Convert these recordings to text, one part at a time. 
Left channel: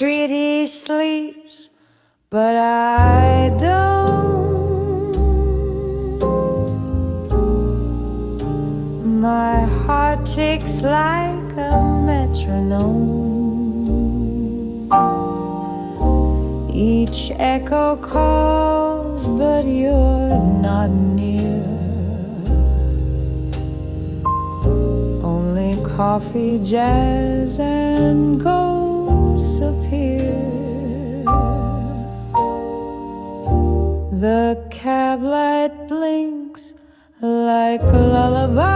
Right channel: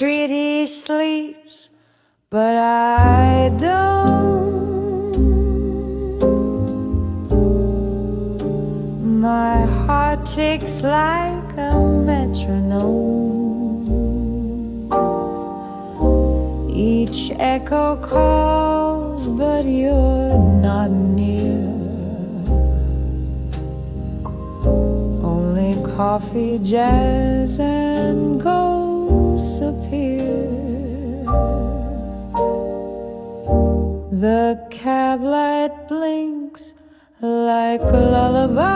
street he sleeps, but I don't. My heart ticks like a metronome. Each echo calls, but you're not near. Only coffee, jazz, and ghosts appear. The cab light blinks like a lullaby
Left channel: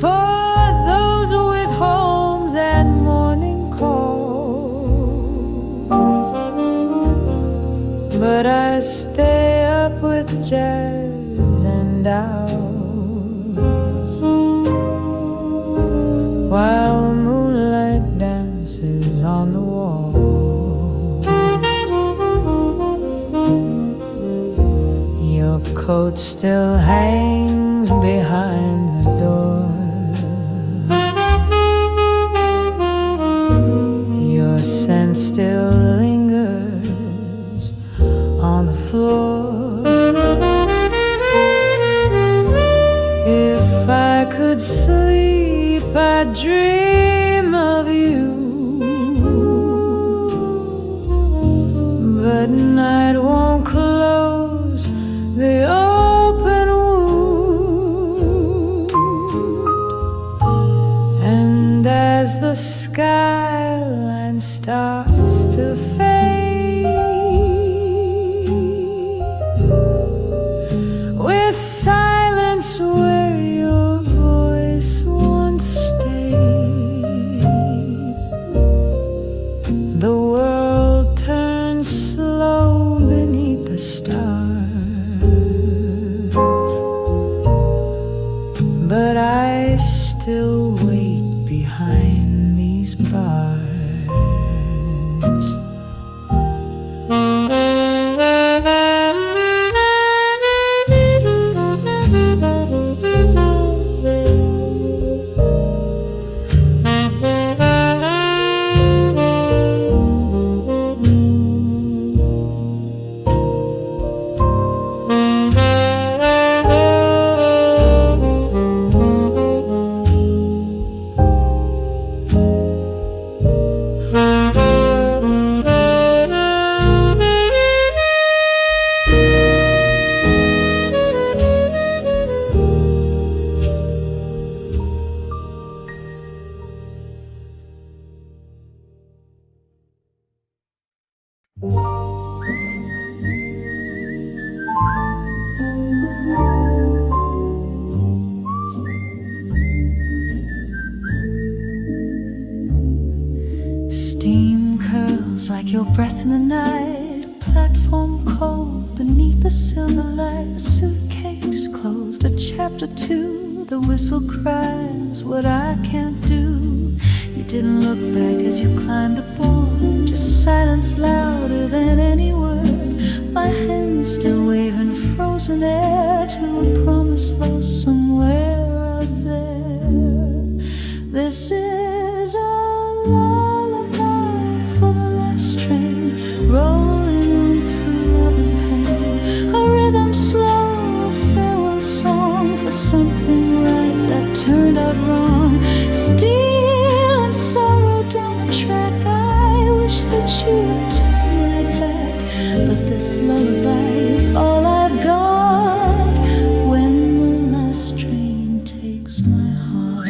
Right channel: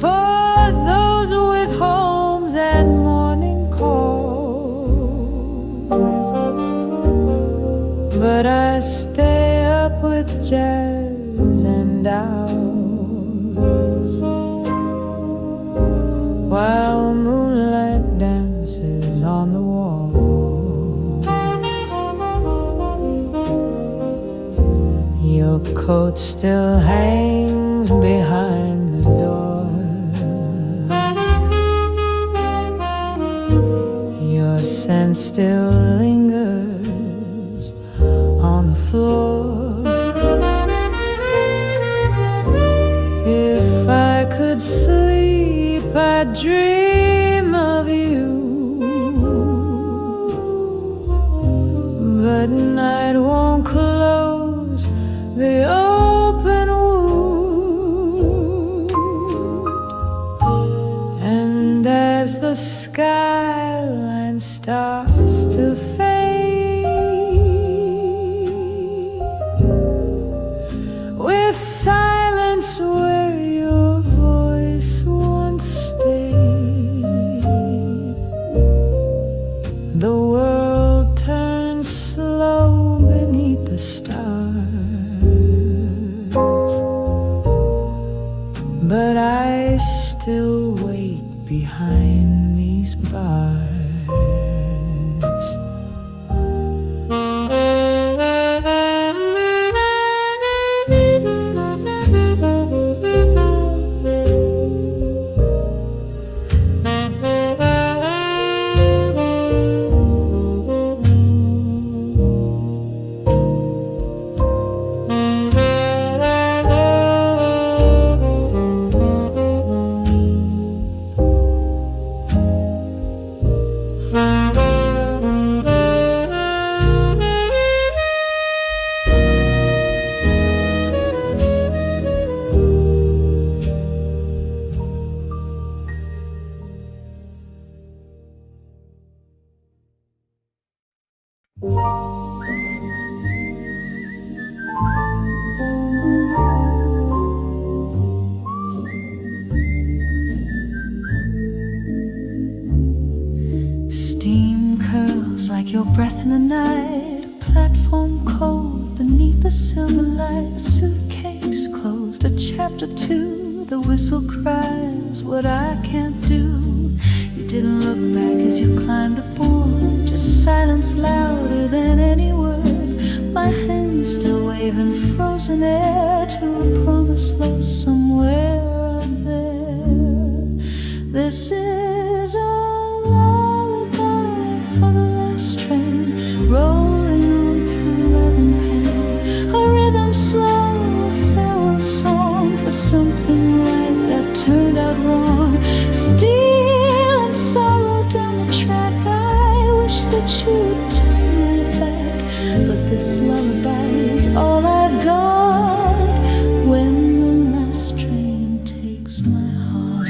for those with homes and morning calls. But I stay up with jazz and owls while moonlight dances on the wall. Your coat still hangs behind the door. Your scent still lingers on the floor. If I could sleep, I'd dream of you, but night won't close the open wound. And as the skyline starts to fade, with silence where your voice once stayed, the world turns slow beneath the stars. But I still wait behind these bars. Steam curls like your breath in the night, platform cold beneath the silver light. A suitcase closed, a chapter 2. The whistle cries what I can't do. You didn't look back as you climbed aboard, just silence louder than any word. My hands still waving frozen air to a promise lost somewhere out there. This is a lullaby for the last train, rolling on through love and pain. A rhythm slow, a farewell song for something right that turned out wrong. Steel and sorrow down the track, I wish that you would turn right back. But this lullaby is all I've got when the last train takes my heart.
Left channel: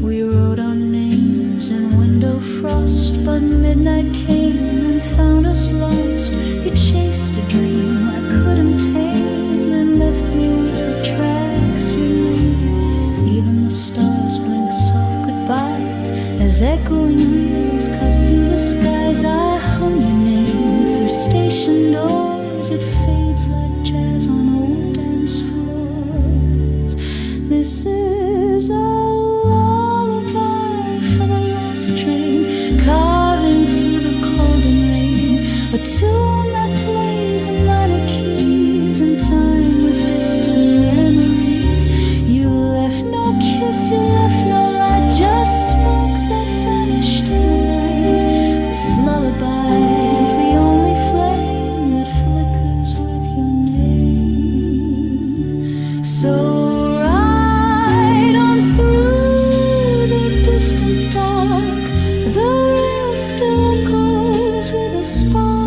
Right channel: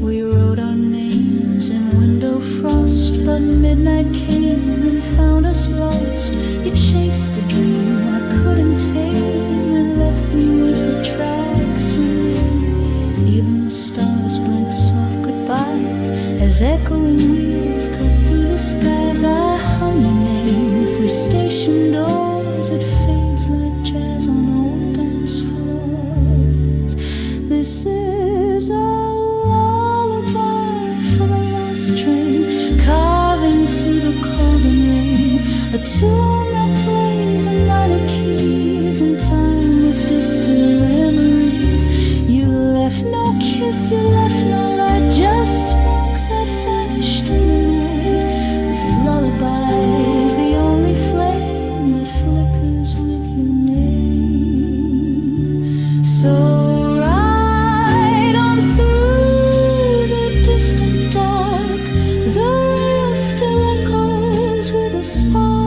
We wrote our names in window frost, but midnight came and found us lost. You chased a dream I couldn't tame and left me with the tracks, your name. Even the stars blink soft goodbyes as echoing wheels cut through the skies. I hum your name through station doors. It fades like jazz on old dance floors. This is a lullaby for the last train, carving through the cold and rain. A tune that plays in minor key, freezing time with distant memories. You left no kiss, you left no light, just smoke that vanished in the night. This lullaby's the only flame that flickers with your name. So ride on through the distant dark, the rail still echoes with a spark.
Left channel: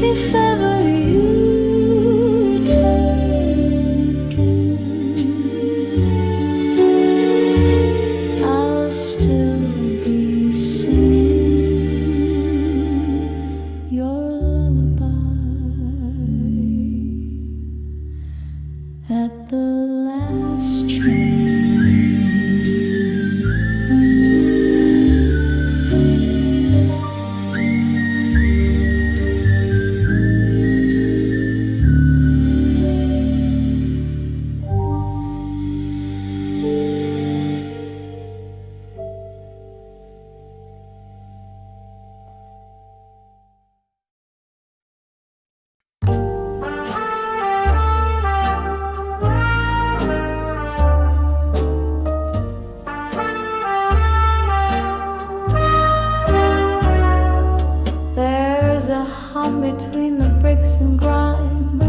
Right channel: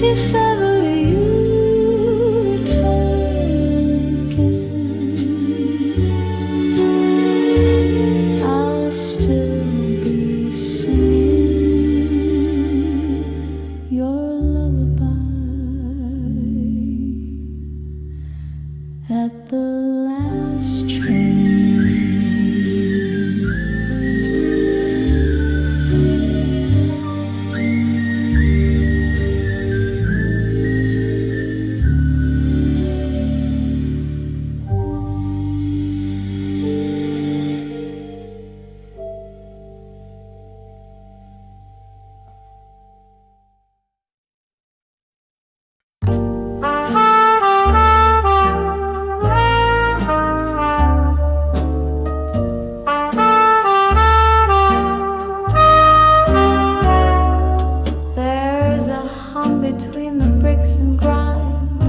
If ever you return again, I'll still be singing your lullaby at the last train. Between the bricks and grime,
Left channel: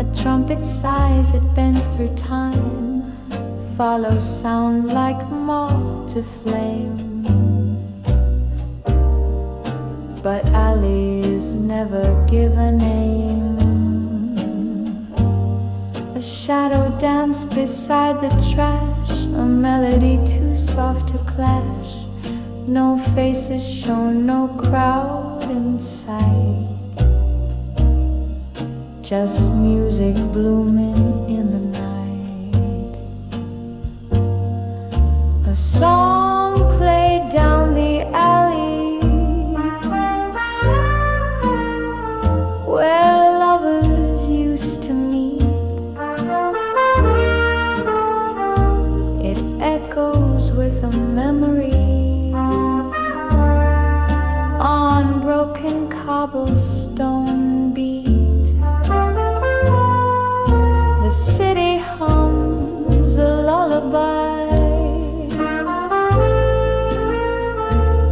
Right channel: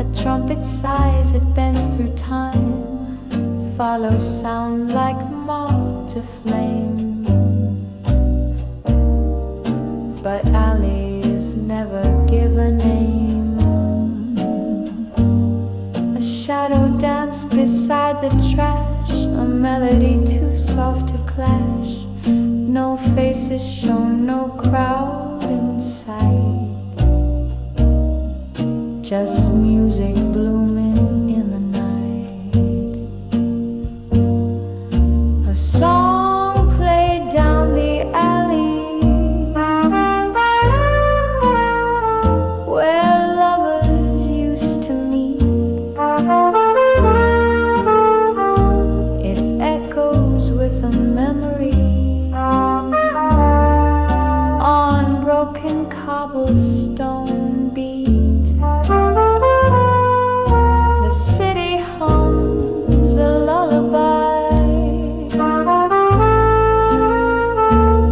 a trumpet sighs, it bends through time, follows sound like moth to flame. But alleys never give a name. A shadow danced beside the trash, a melody too soft to clash. No faces shown, no crowd in sight, just music blooming in the night. A song played down the alley where lovers used to meet. It echoes with a memory on broken cobblestone beat. The city hums a lullaby,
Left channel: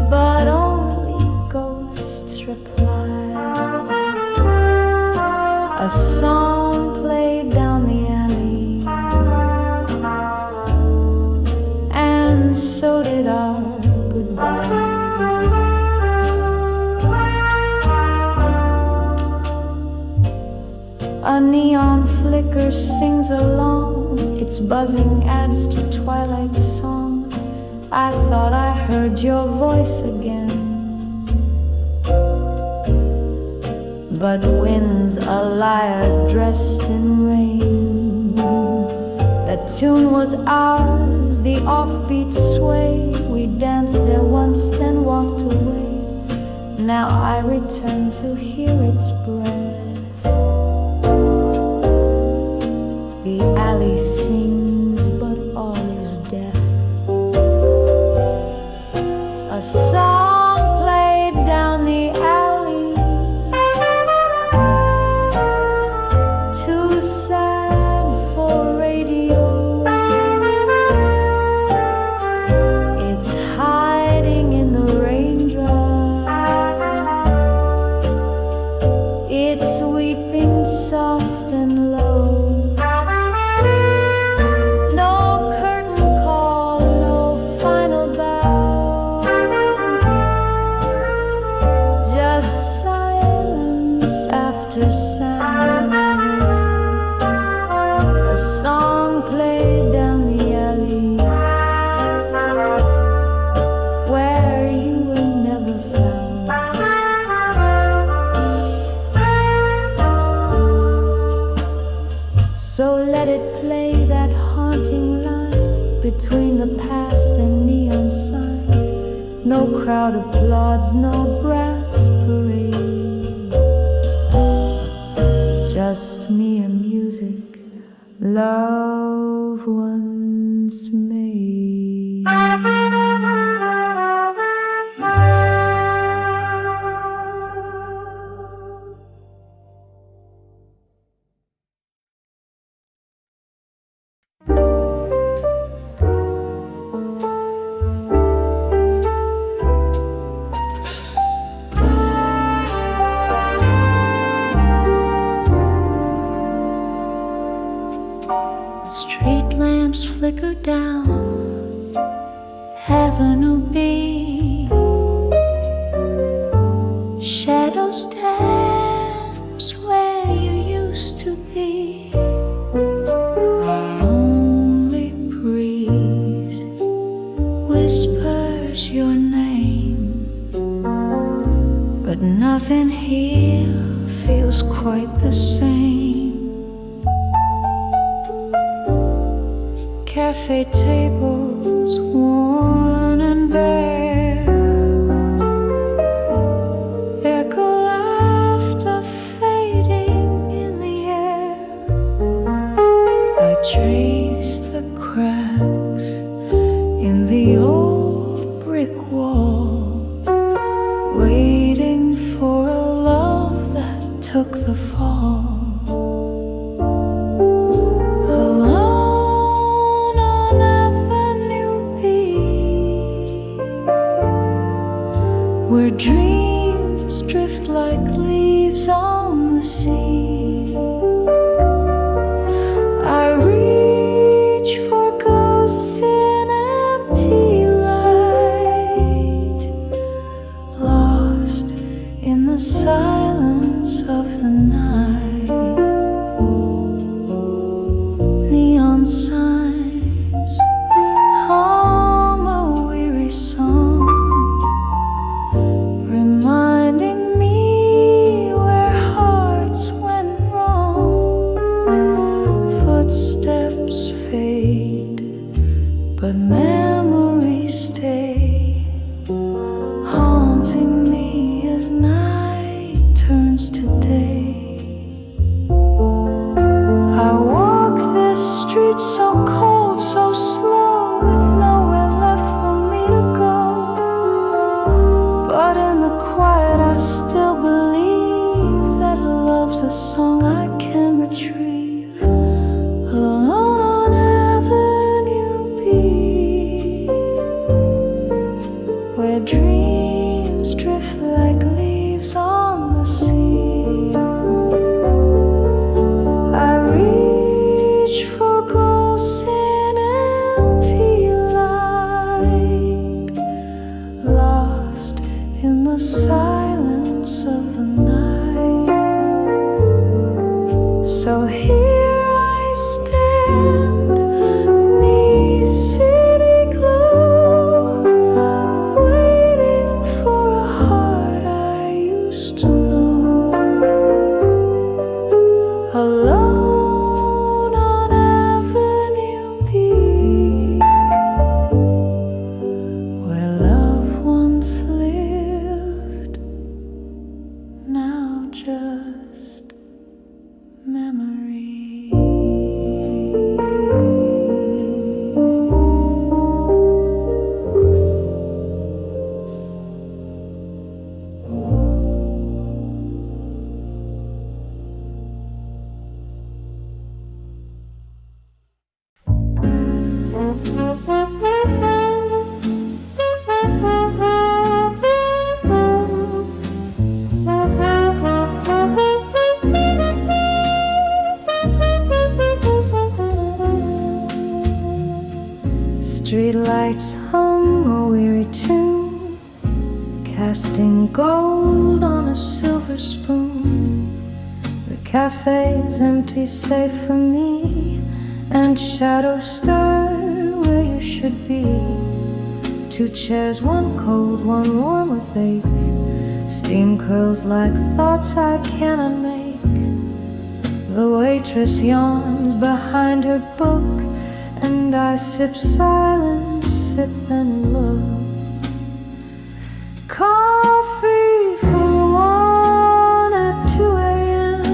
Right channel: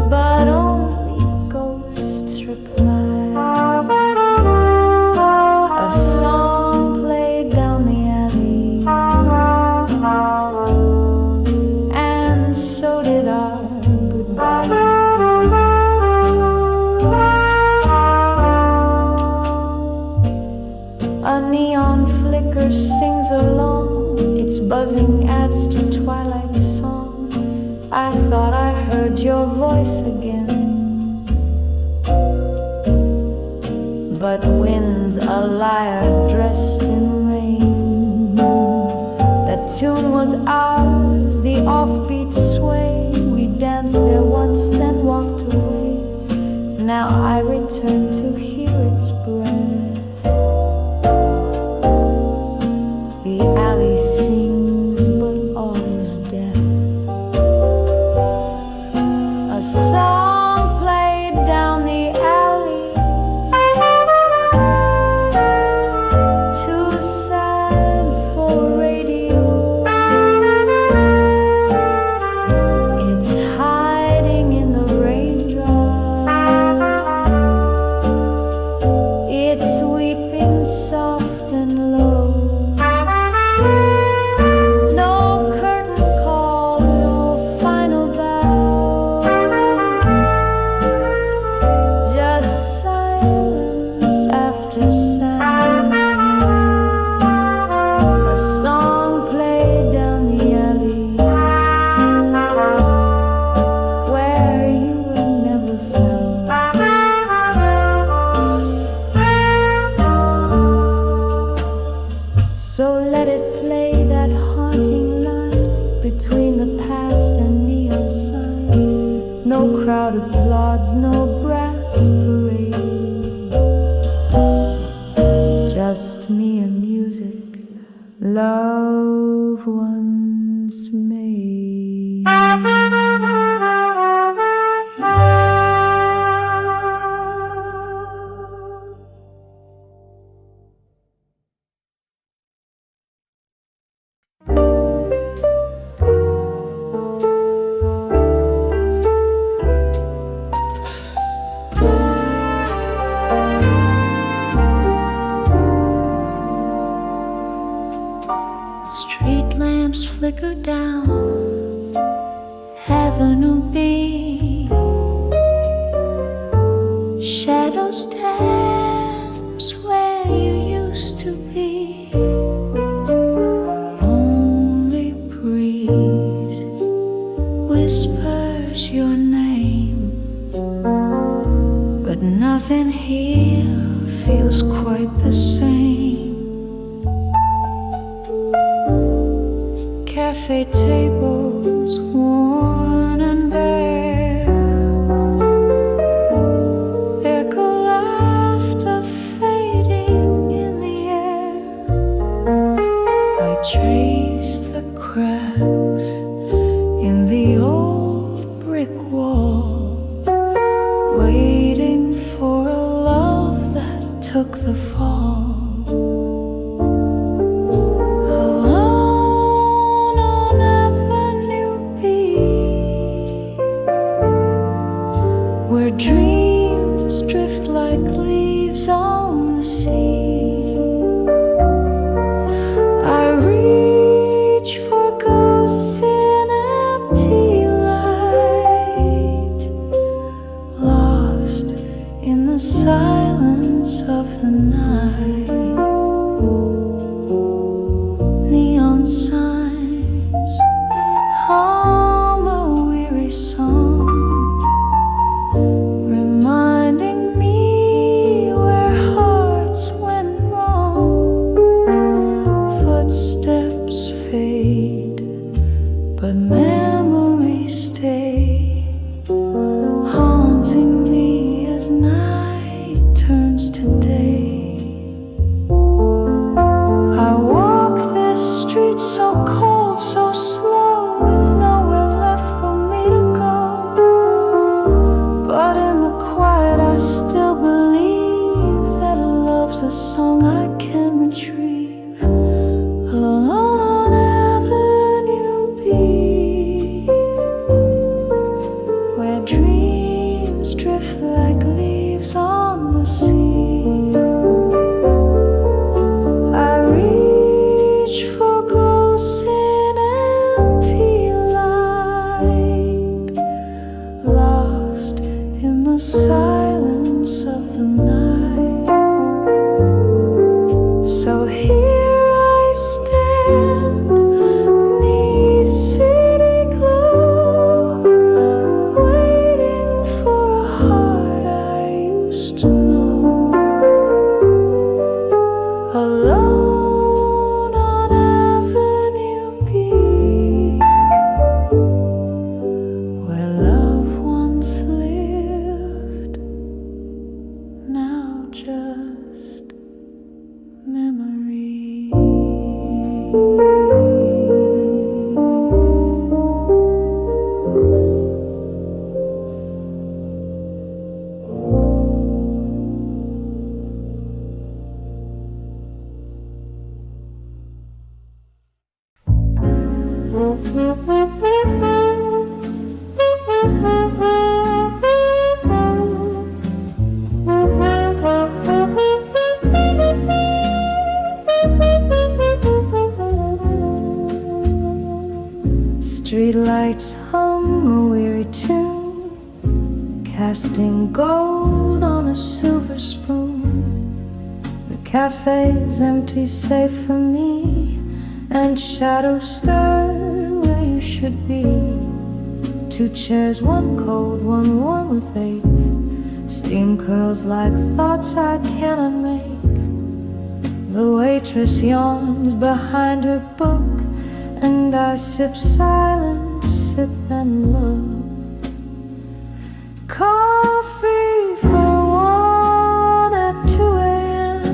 but only ghosts reply. A song played down the alley, and so did our goodbye. A neon flicker sings along, its buzzing adds to twilight's song. I thought I heard your voice again, but wind's a liar dressed in rain. That tune was ours, the offbeat sway. We danced there once, then walked away. Now I return to hear its breath. The alley sings, but all is death. A song played down the alley, too sad for radio. It's hiding in the raindrop, it's weeping soft and low. No curtain call, no final bow, just silence after sound. A song played down the alley where you were never found. So let it play, that haunting line between the past and neon sign. No crowd applauds, no brass parade, just me and music, love once made. flicker down Avenue B. Shadows dance where you used to be. Only breeze whispers your name, but nothing here feels quite the same. Cafe tables worn and bare, echo laughter fading in the air. I trace the cracks in the old brick wall, waiting for a love that took the fall. Alone on Avenue B, where dreams drift like leaves on the sea. I reach for ghosts in empty light, lost in the silence of the night. Neon signs hum a weary song, reminding me where hearts went wrong. Footsteps fade, but memories stay, haunting me as night turns to day. I walk this street so cold, so slow, with nowhere left for me to go. But in the quiet I still believe that love's a song I can retrieve. Alone on Avenue B, where dreams drift like leaves on the sea. I reach for ghosts in empty light, lost in the silence of the night. So here I stand, 'neath city glow, waiting for a heart I used to know. Alone on Avenue B, where love once lived, now just memory. Streetlights hum a weary tune, casting gold on a silver spoon. The cafe's empty, safe for me, and shadows stir where you should be. Two chairs, one cold, one warm with ache. Steam curls like thoughts I cannot make. The waitress yawns behind her book, and I sip silence, sip and look. Coffee for one at 2 a.m.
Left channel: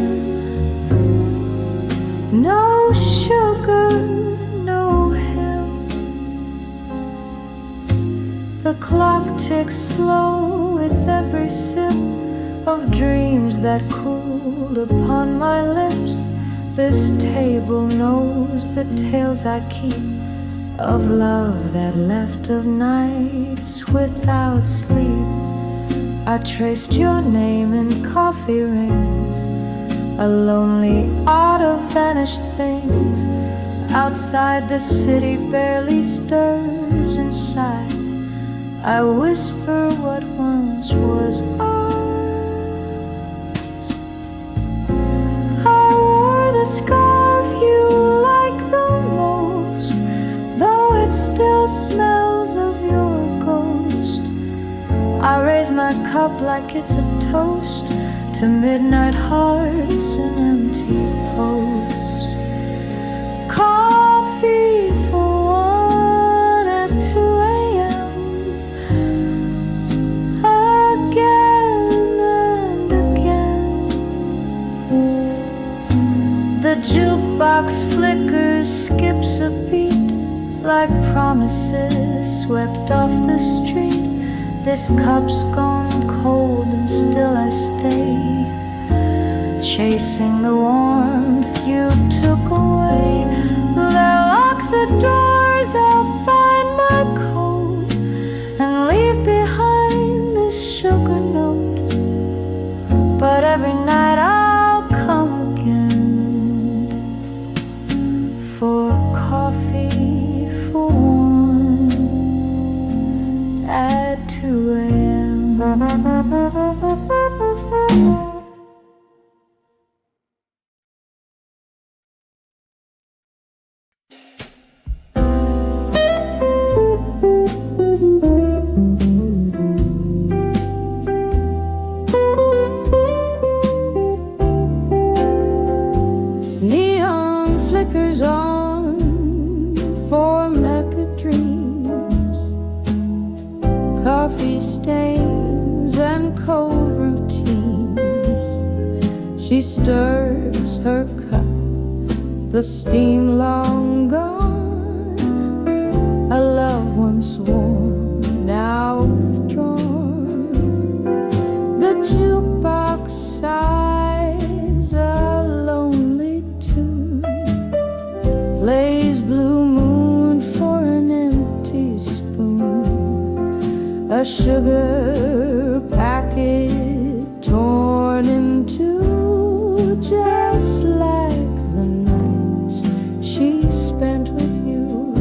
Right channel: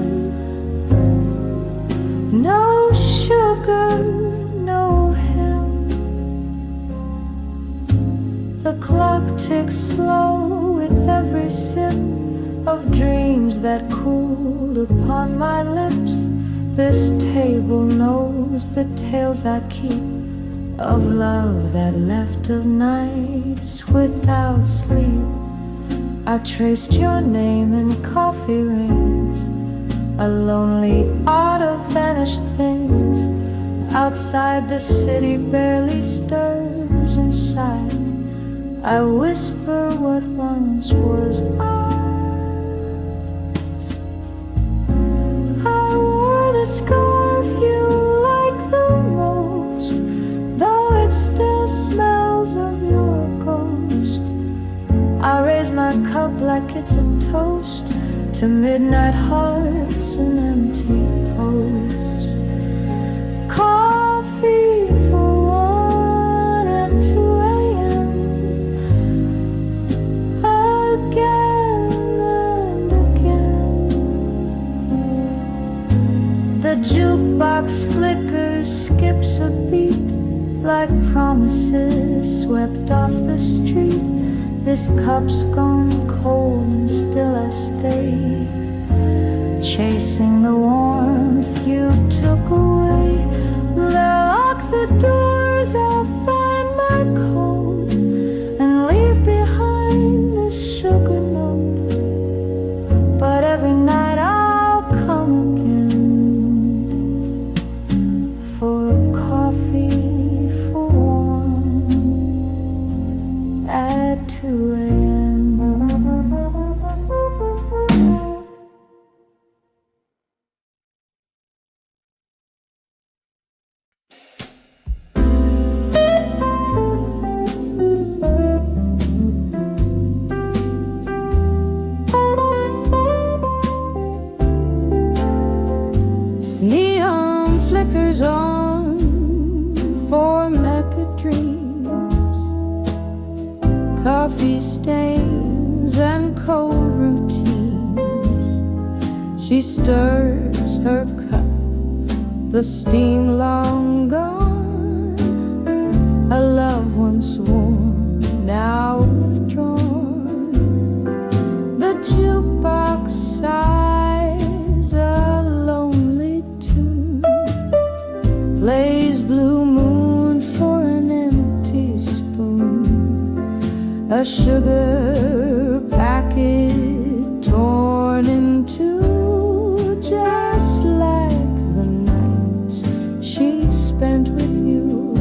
No sugar, no him. The clock ticks slow with every sip of dreams that cooled upon my lips. This table knows the tales I keep of love that left, of nights without sleep. I traced your name in coffee rings, a lonely art of vanished things. Outside the city barely stirs inside. I whisper what once was ours. I wore the scarf you like the most, though it still smells of your ghost. I raise my cup like it's a toast to midnight hearts and empty posts. Coffee for one at 2 a.m. Again and again. The jukebox flickers, skips a beat like promises swept off the street. This cup's gone cold and still I stay, chasing the warmth you took away. They'll lock the doors, I'll find my coat and leave behind this sugar note. But every night I'll come again for coffee for one at 2 a.m. Neon flickers on for Mecca dreams, coffee stains and cold routines. She stirs her cup, the steam long gone. A love once warm, now withdrawn. The jukebox sighs a lonely tune, plays Blue Moon for an empty spoon. A sugar packet torn in two, just like the nights she spent with you.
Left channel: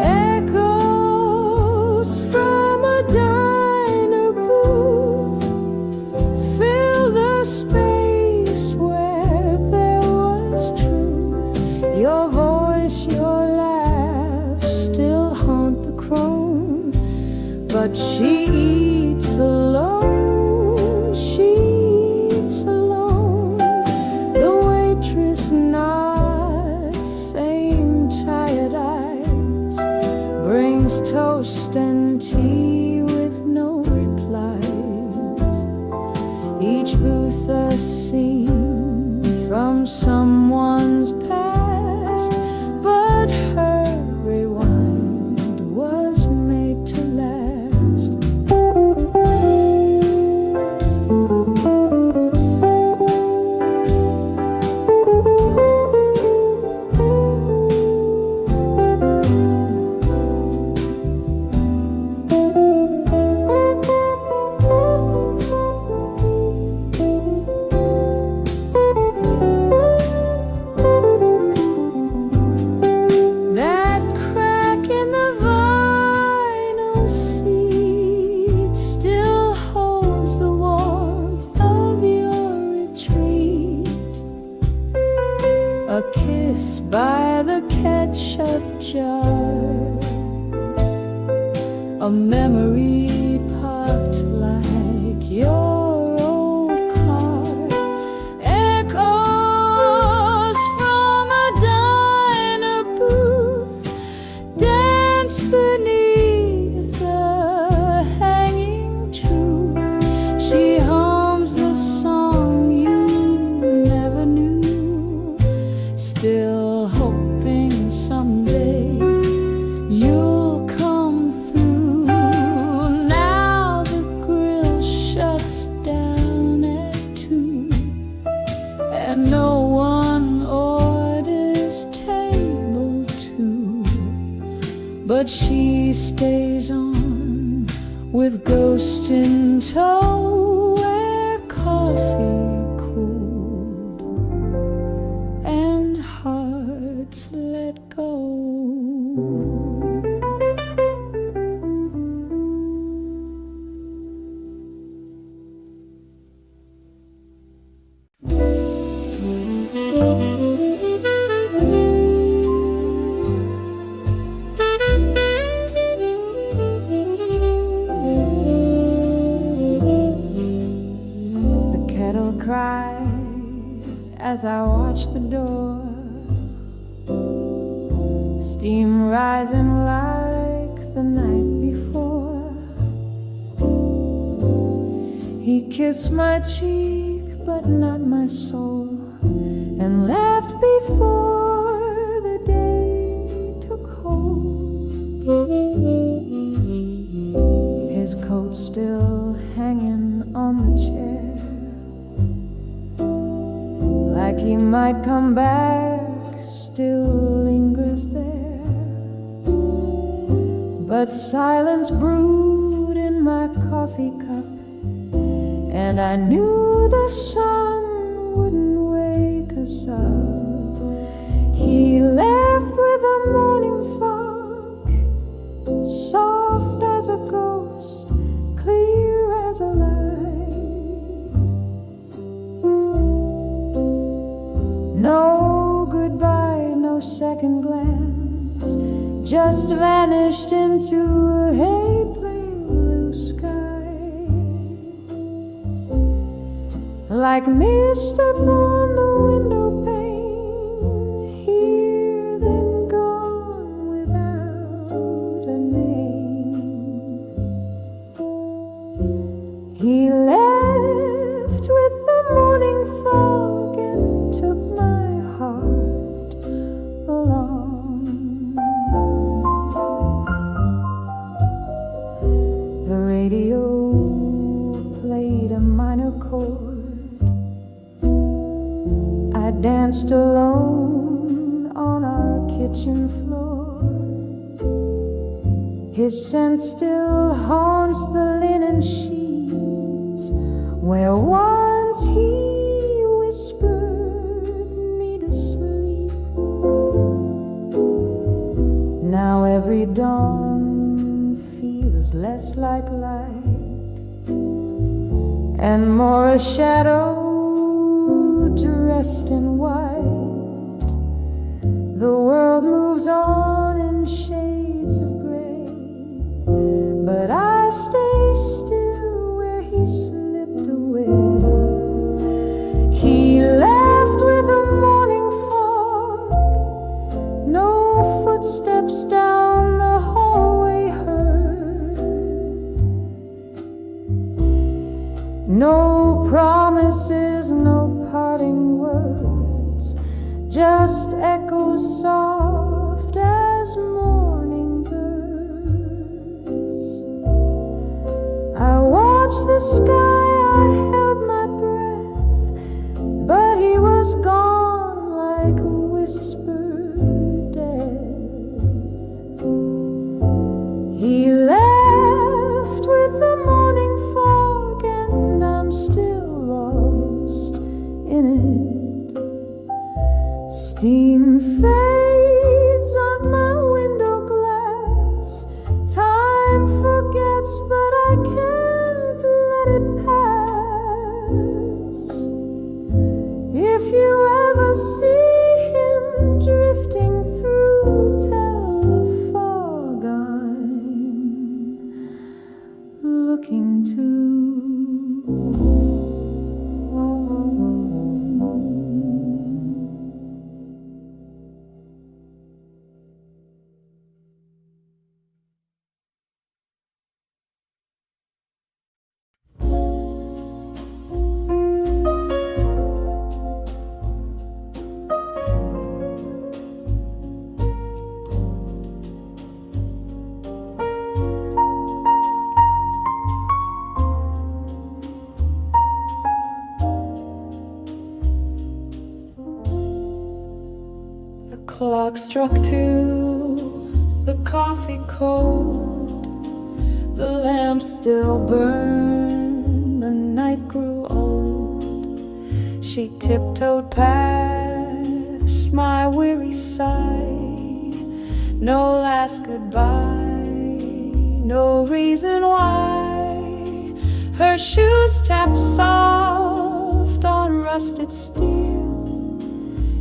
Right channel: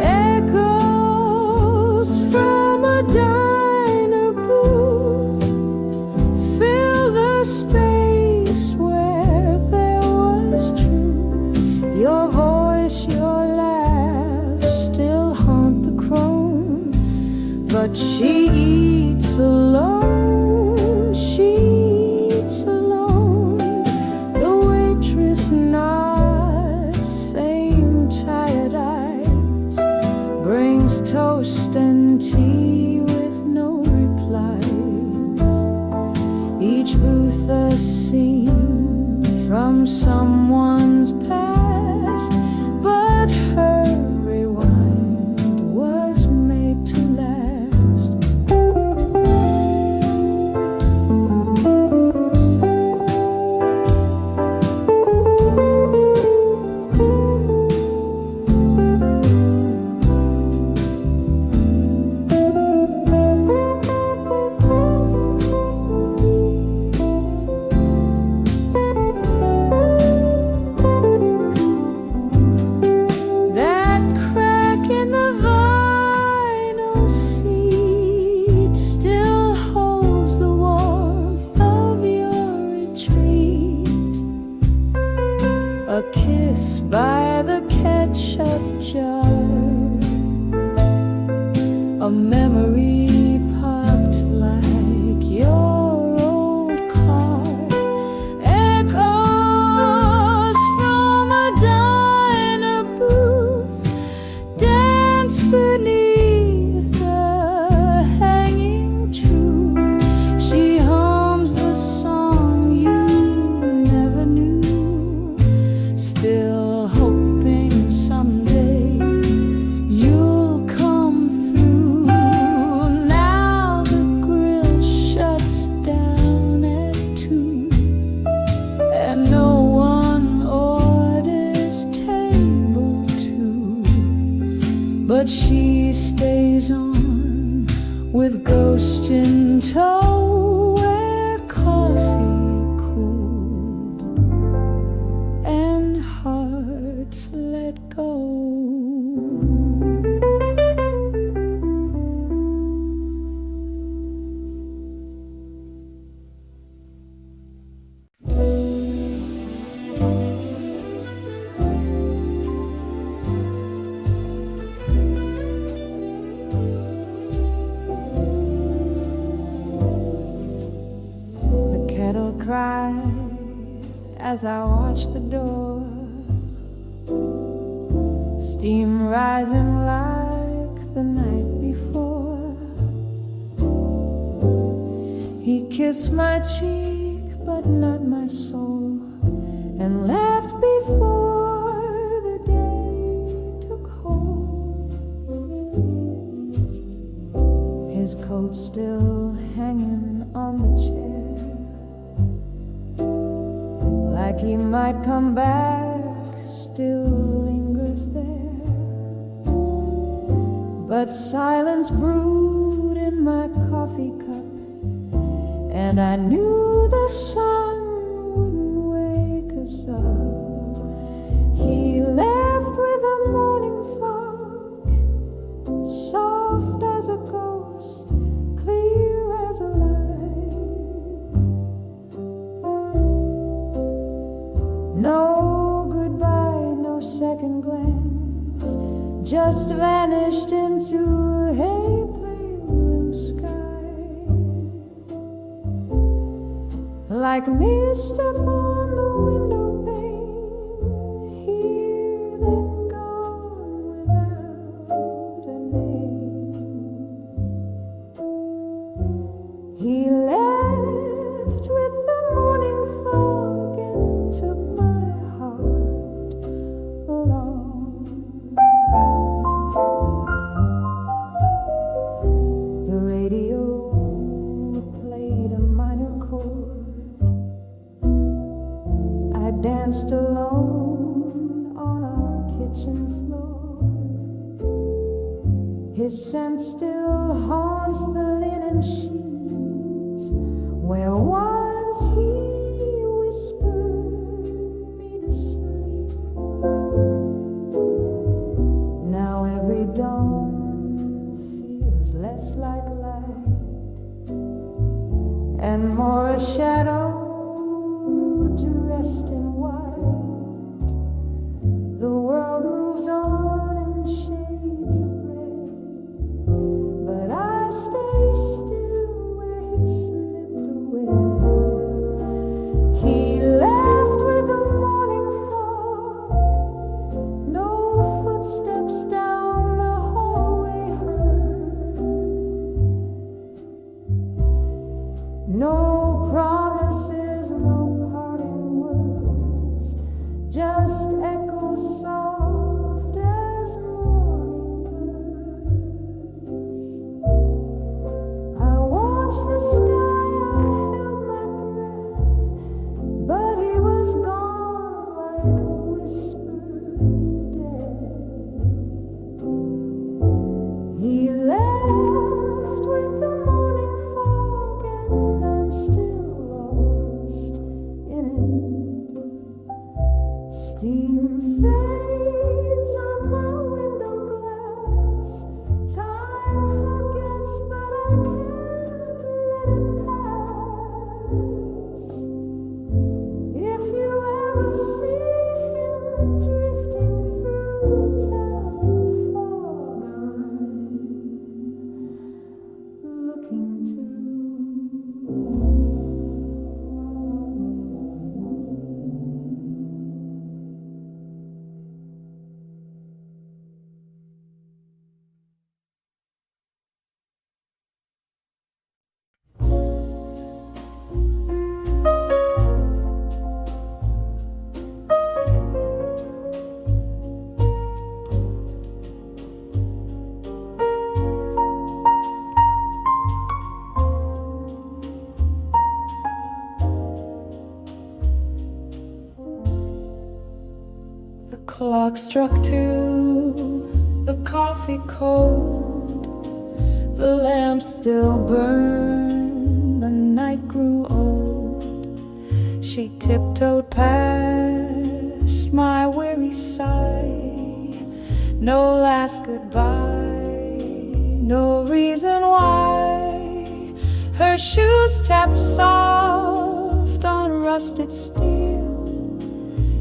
Echoes from a diner booth fill the space where there was truth. Your voice, your laugh still haunt the crone, but she eats alone, she eats alone. The waitress nods, same tired eyes, brings toast and tea with no replies. Each booth a scene from someone's past, but her rewind was made to last. That crack in the vinyl seat still holds the warmth of your retreat. A kiss by the ketchup jar, a memory parked like your old car. Echoes from a diner booth dance beneath the hanging truth. She hums the song you never knew, still hoping someday you'll come through. Now the grill shuts down at 2, and no one orders table 2, but she stays on with ghost in tow, where coffee cooled and hearts let go. The kettle cried as I watched the door, steam rising like the night before. He kissed my cheek but not my soul, and left before the day took hold. His coat still hanging on the chair, like he might come back, still lingers there. But silence brewed in my coffee cup, and I knew the sun wouldn't wake us up. He left with a morning fog, soft as a ghost, clear as a light. No goodbye, no second glance, just vanished into a pale blue sky. Like mist upon the window pane, here then gone without a name. He left with the morning fog and took my heart along. The radio played a minor chord. I danced alone on our kitchen floor. His scent still haunts the linen sheets where once he whispered me to sleep. Now every dawn feels less like light and more a shadow dressed in white. The world moves on in shades of gray, but I stay still where he slipped away. He left with the morning fog, no footsteps down the hallway heard, no promises, no parting words, just echoes soft as morning birds. I watched the sky, I held my breath, but he was gone like a whispered death. He left with the morning fog, and I'm still lost in it. Steam fades on my window glass. Time forgets, but I can't let it pass. If you ever see him drifting through, tell the fog I'm looking to. The clock struck 2, the coffee cold, the lamp still burned, the night grew old. She tiptoed past my weary side, no last goodbye, no reason why. Her shoes tap soft on rusted steel,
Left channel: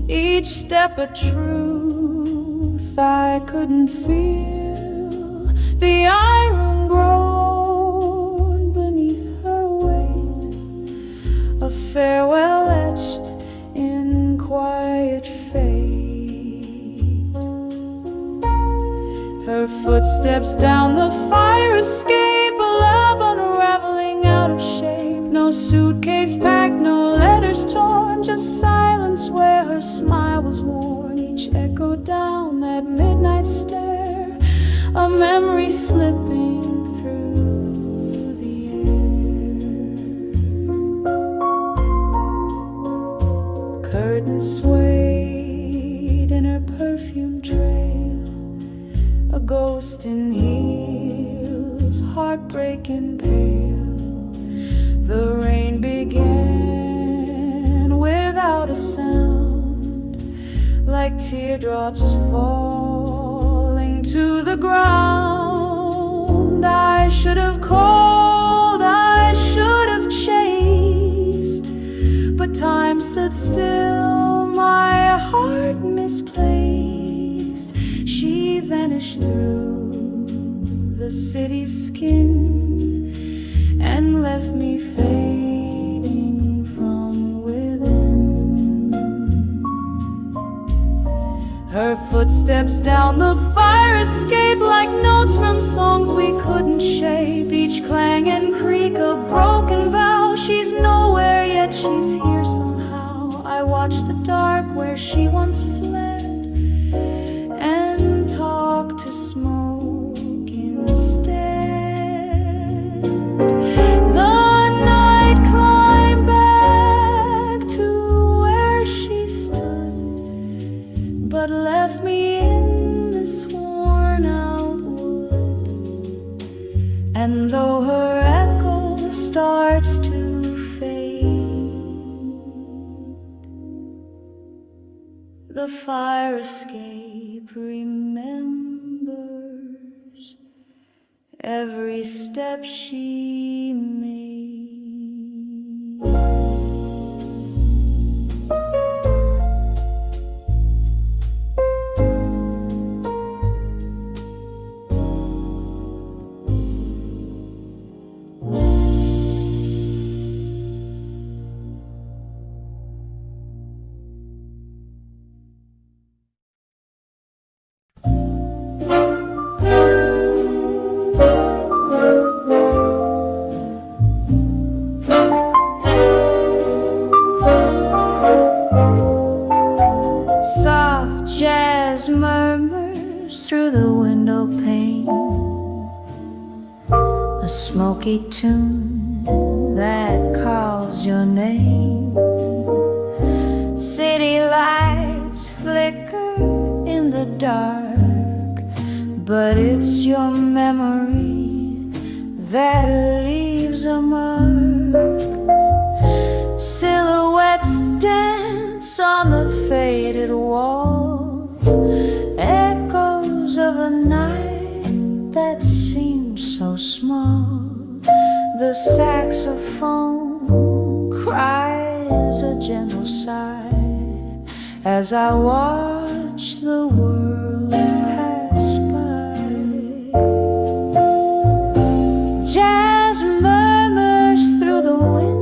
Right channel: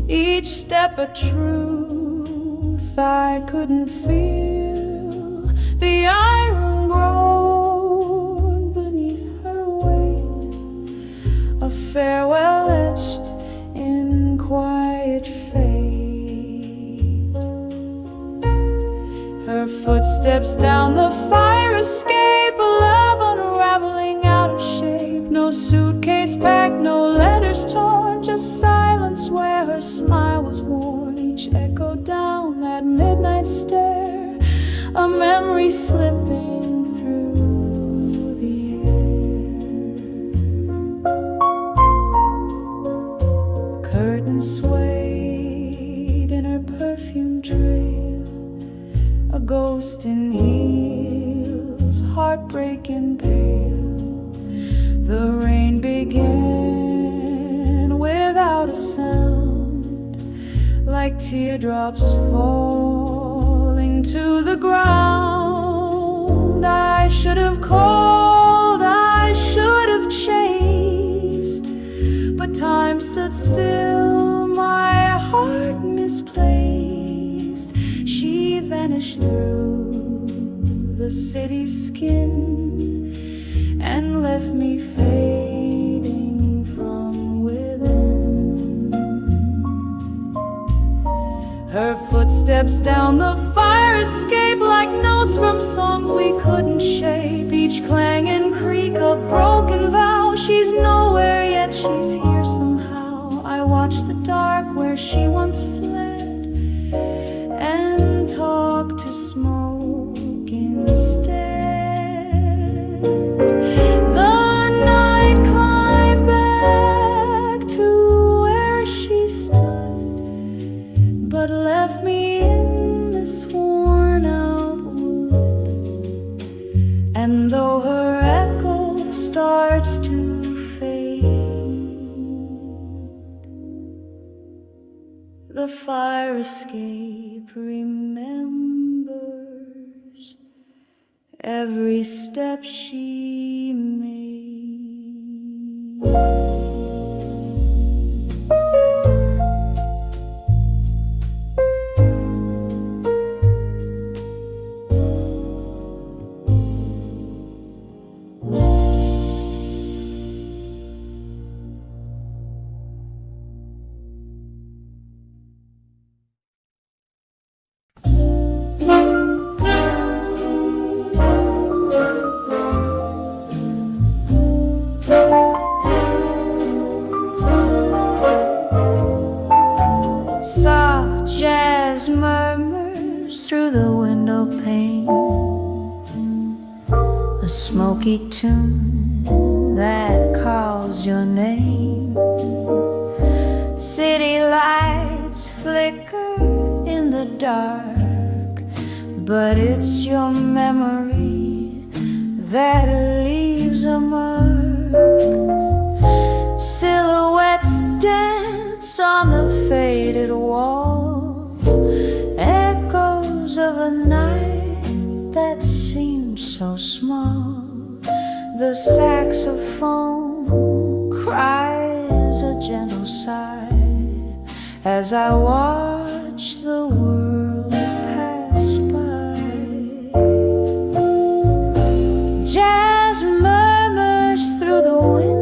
each step a truth I couldn't feel. The iron groaned beneath her weight, a farewell etched in quiet fate. Her footsteps down the fire escape, a love unraveling out of shape. No suitcase packed, no letters torn, just silence where her smile was worn. Each echo down that midnight stair, a memory slipping through the air. Curtains swayed in her perfume trail, a ghost in heels, heartbreaking pale. The rain began without a sound, like teardrops falling to the ground. I should have called, I should have chased, but time stood still, my heart misplaced. She vanished through the city's skin and left me fading from within. Her footsteps down the fire escape, like notes from songs we couldn't shape. Each clang and creak a broken vow. She's nowhere yet she's here somehow. I watch the dark where she once fled and talk to smoke instead. The night climbed back to where she stood, but left me in this worn out wood. And though her echo starts to fade, the fire escape remembers every step she made. Soft jazz murmurs through the window pane, a smoky tune that calls your name. City lights flicker in the dark, but it's your memory that leaves a mark. Silhouettes dance on the faded wall, echoes of a night that seemed so small. The saxophone cries a gentle sigh as I watch the world pass by. Jazz murmurs through the window,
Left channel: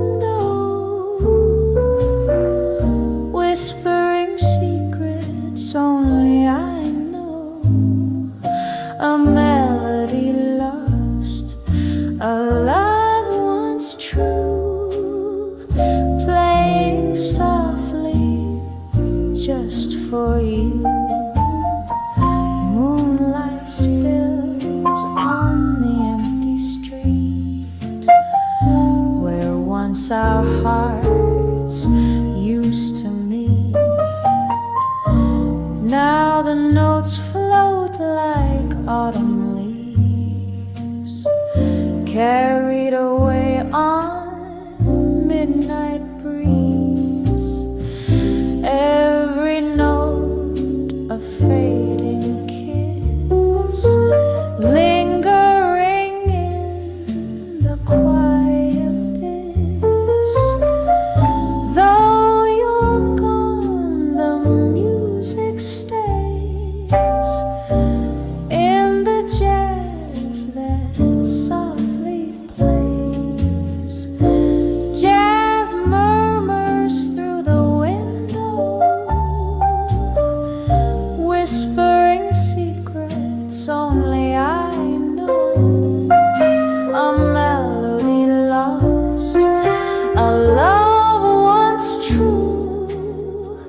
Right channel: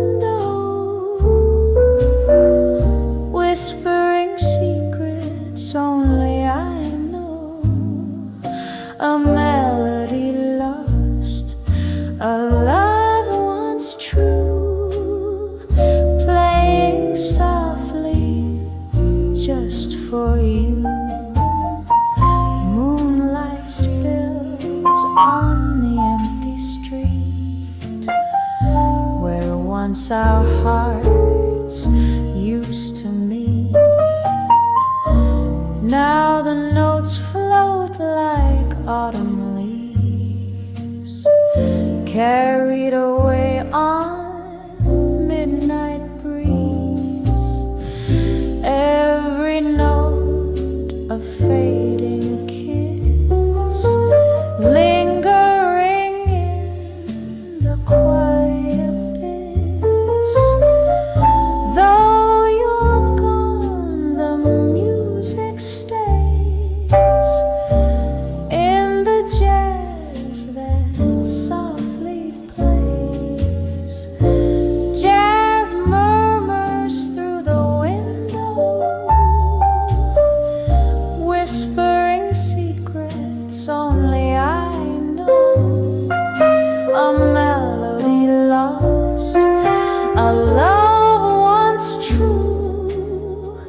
whispering secrets only I know. A melody lost, a love once true, playing softly just for you. Moonlight spills on the empty street where once our hearts used to meet. Now the notes float like autumn leaves, carried away on midnight breeze. Every note a fading kiss, lingering in the quiet abyss. Though you're gone, the music stays in the jazz that softly plays. Jazz murmurs through the window, whispering secrets only I know. A melody lost, a love once true,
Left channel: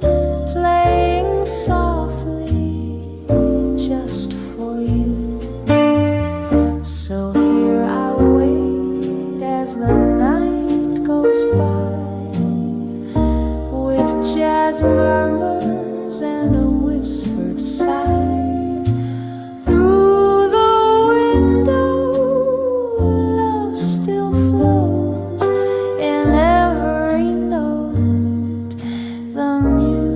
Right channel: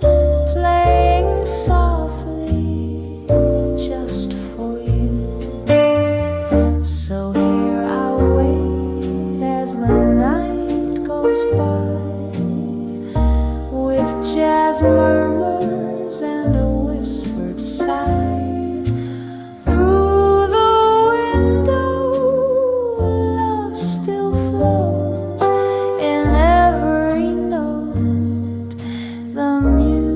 playing softly just for you. So here I wait as the night goes by, with jazz murmurs and a whispered sigh. Through the window, love still flows in every note. The music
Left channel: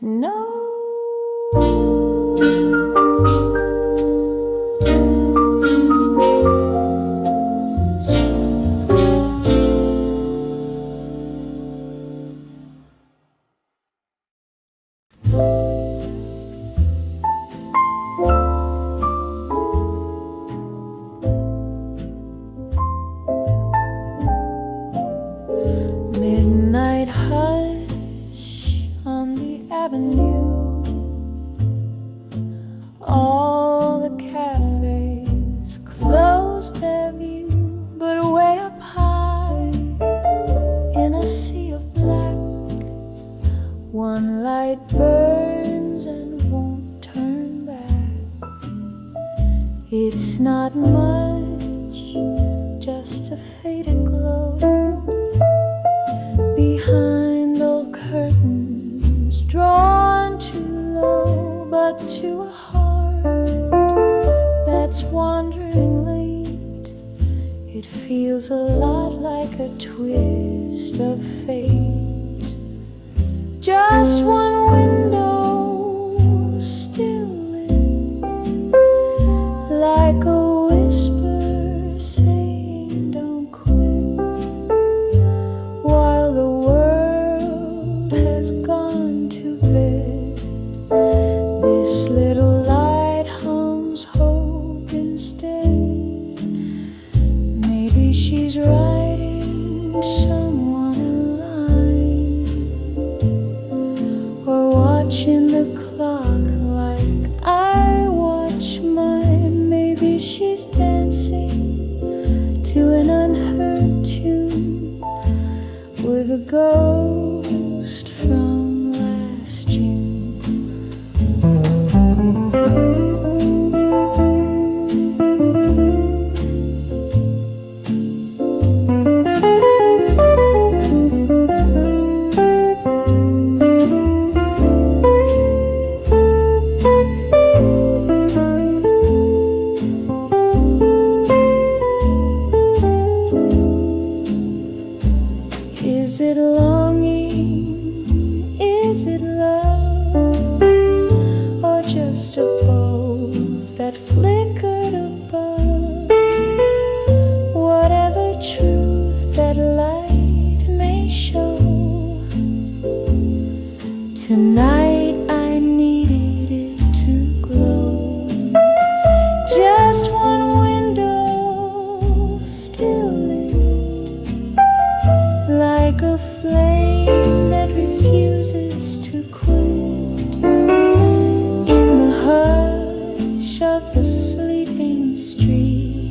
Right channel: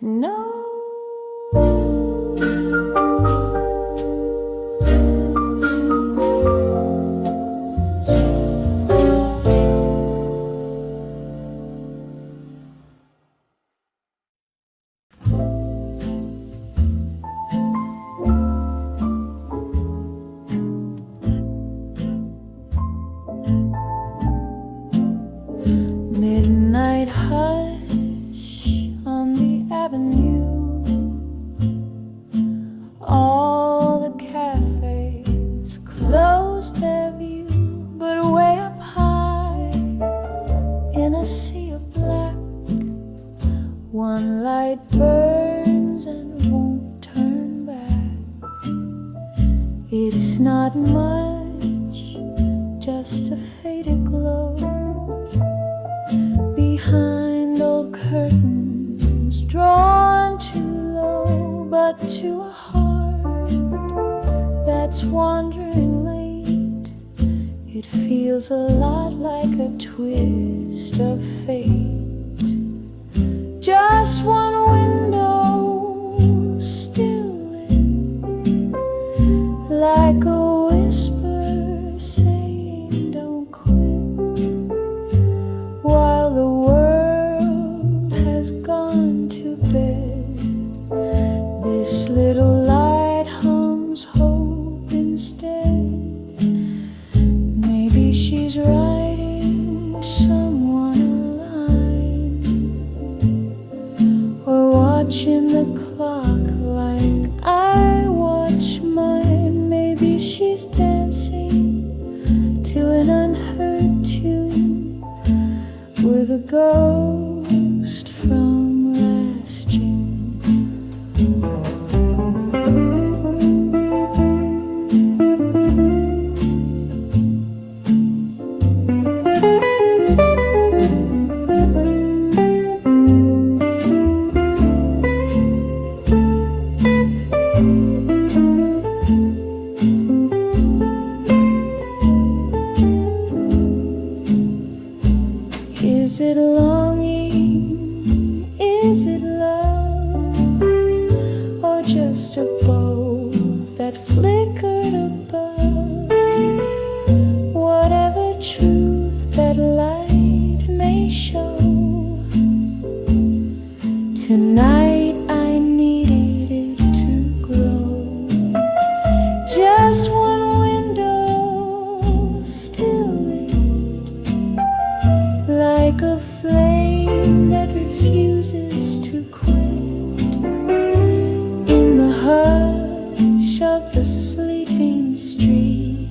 knows. Midnight hush on the avenue. All the cafes close their view, but way up high in a sea of black, one light burns and won't turn back. It's not much, just a faded glow behind old curtains drawn too low. But to a heart that's wandering late, it feels a lot like a twist of fate. Just one window still lit, like a whisper saying don't quit, while the world has gone to bed. This little light hums hope instead. Maybe she's writing someone a line, or watching the clock like I watch mine. Maybe she's dancing to an unheard tune with a ghost from last June. Is it longing? Is it love? Or just a bow that flickered above? Whatever truth that light may show, tonight I needed it to glow. Just one window still lit, like a flame that refuses to quit. In the hush of the sleeping street,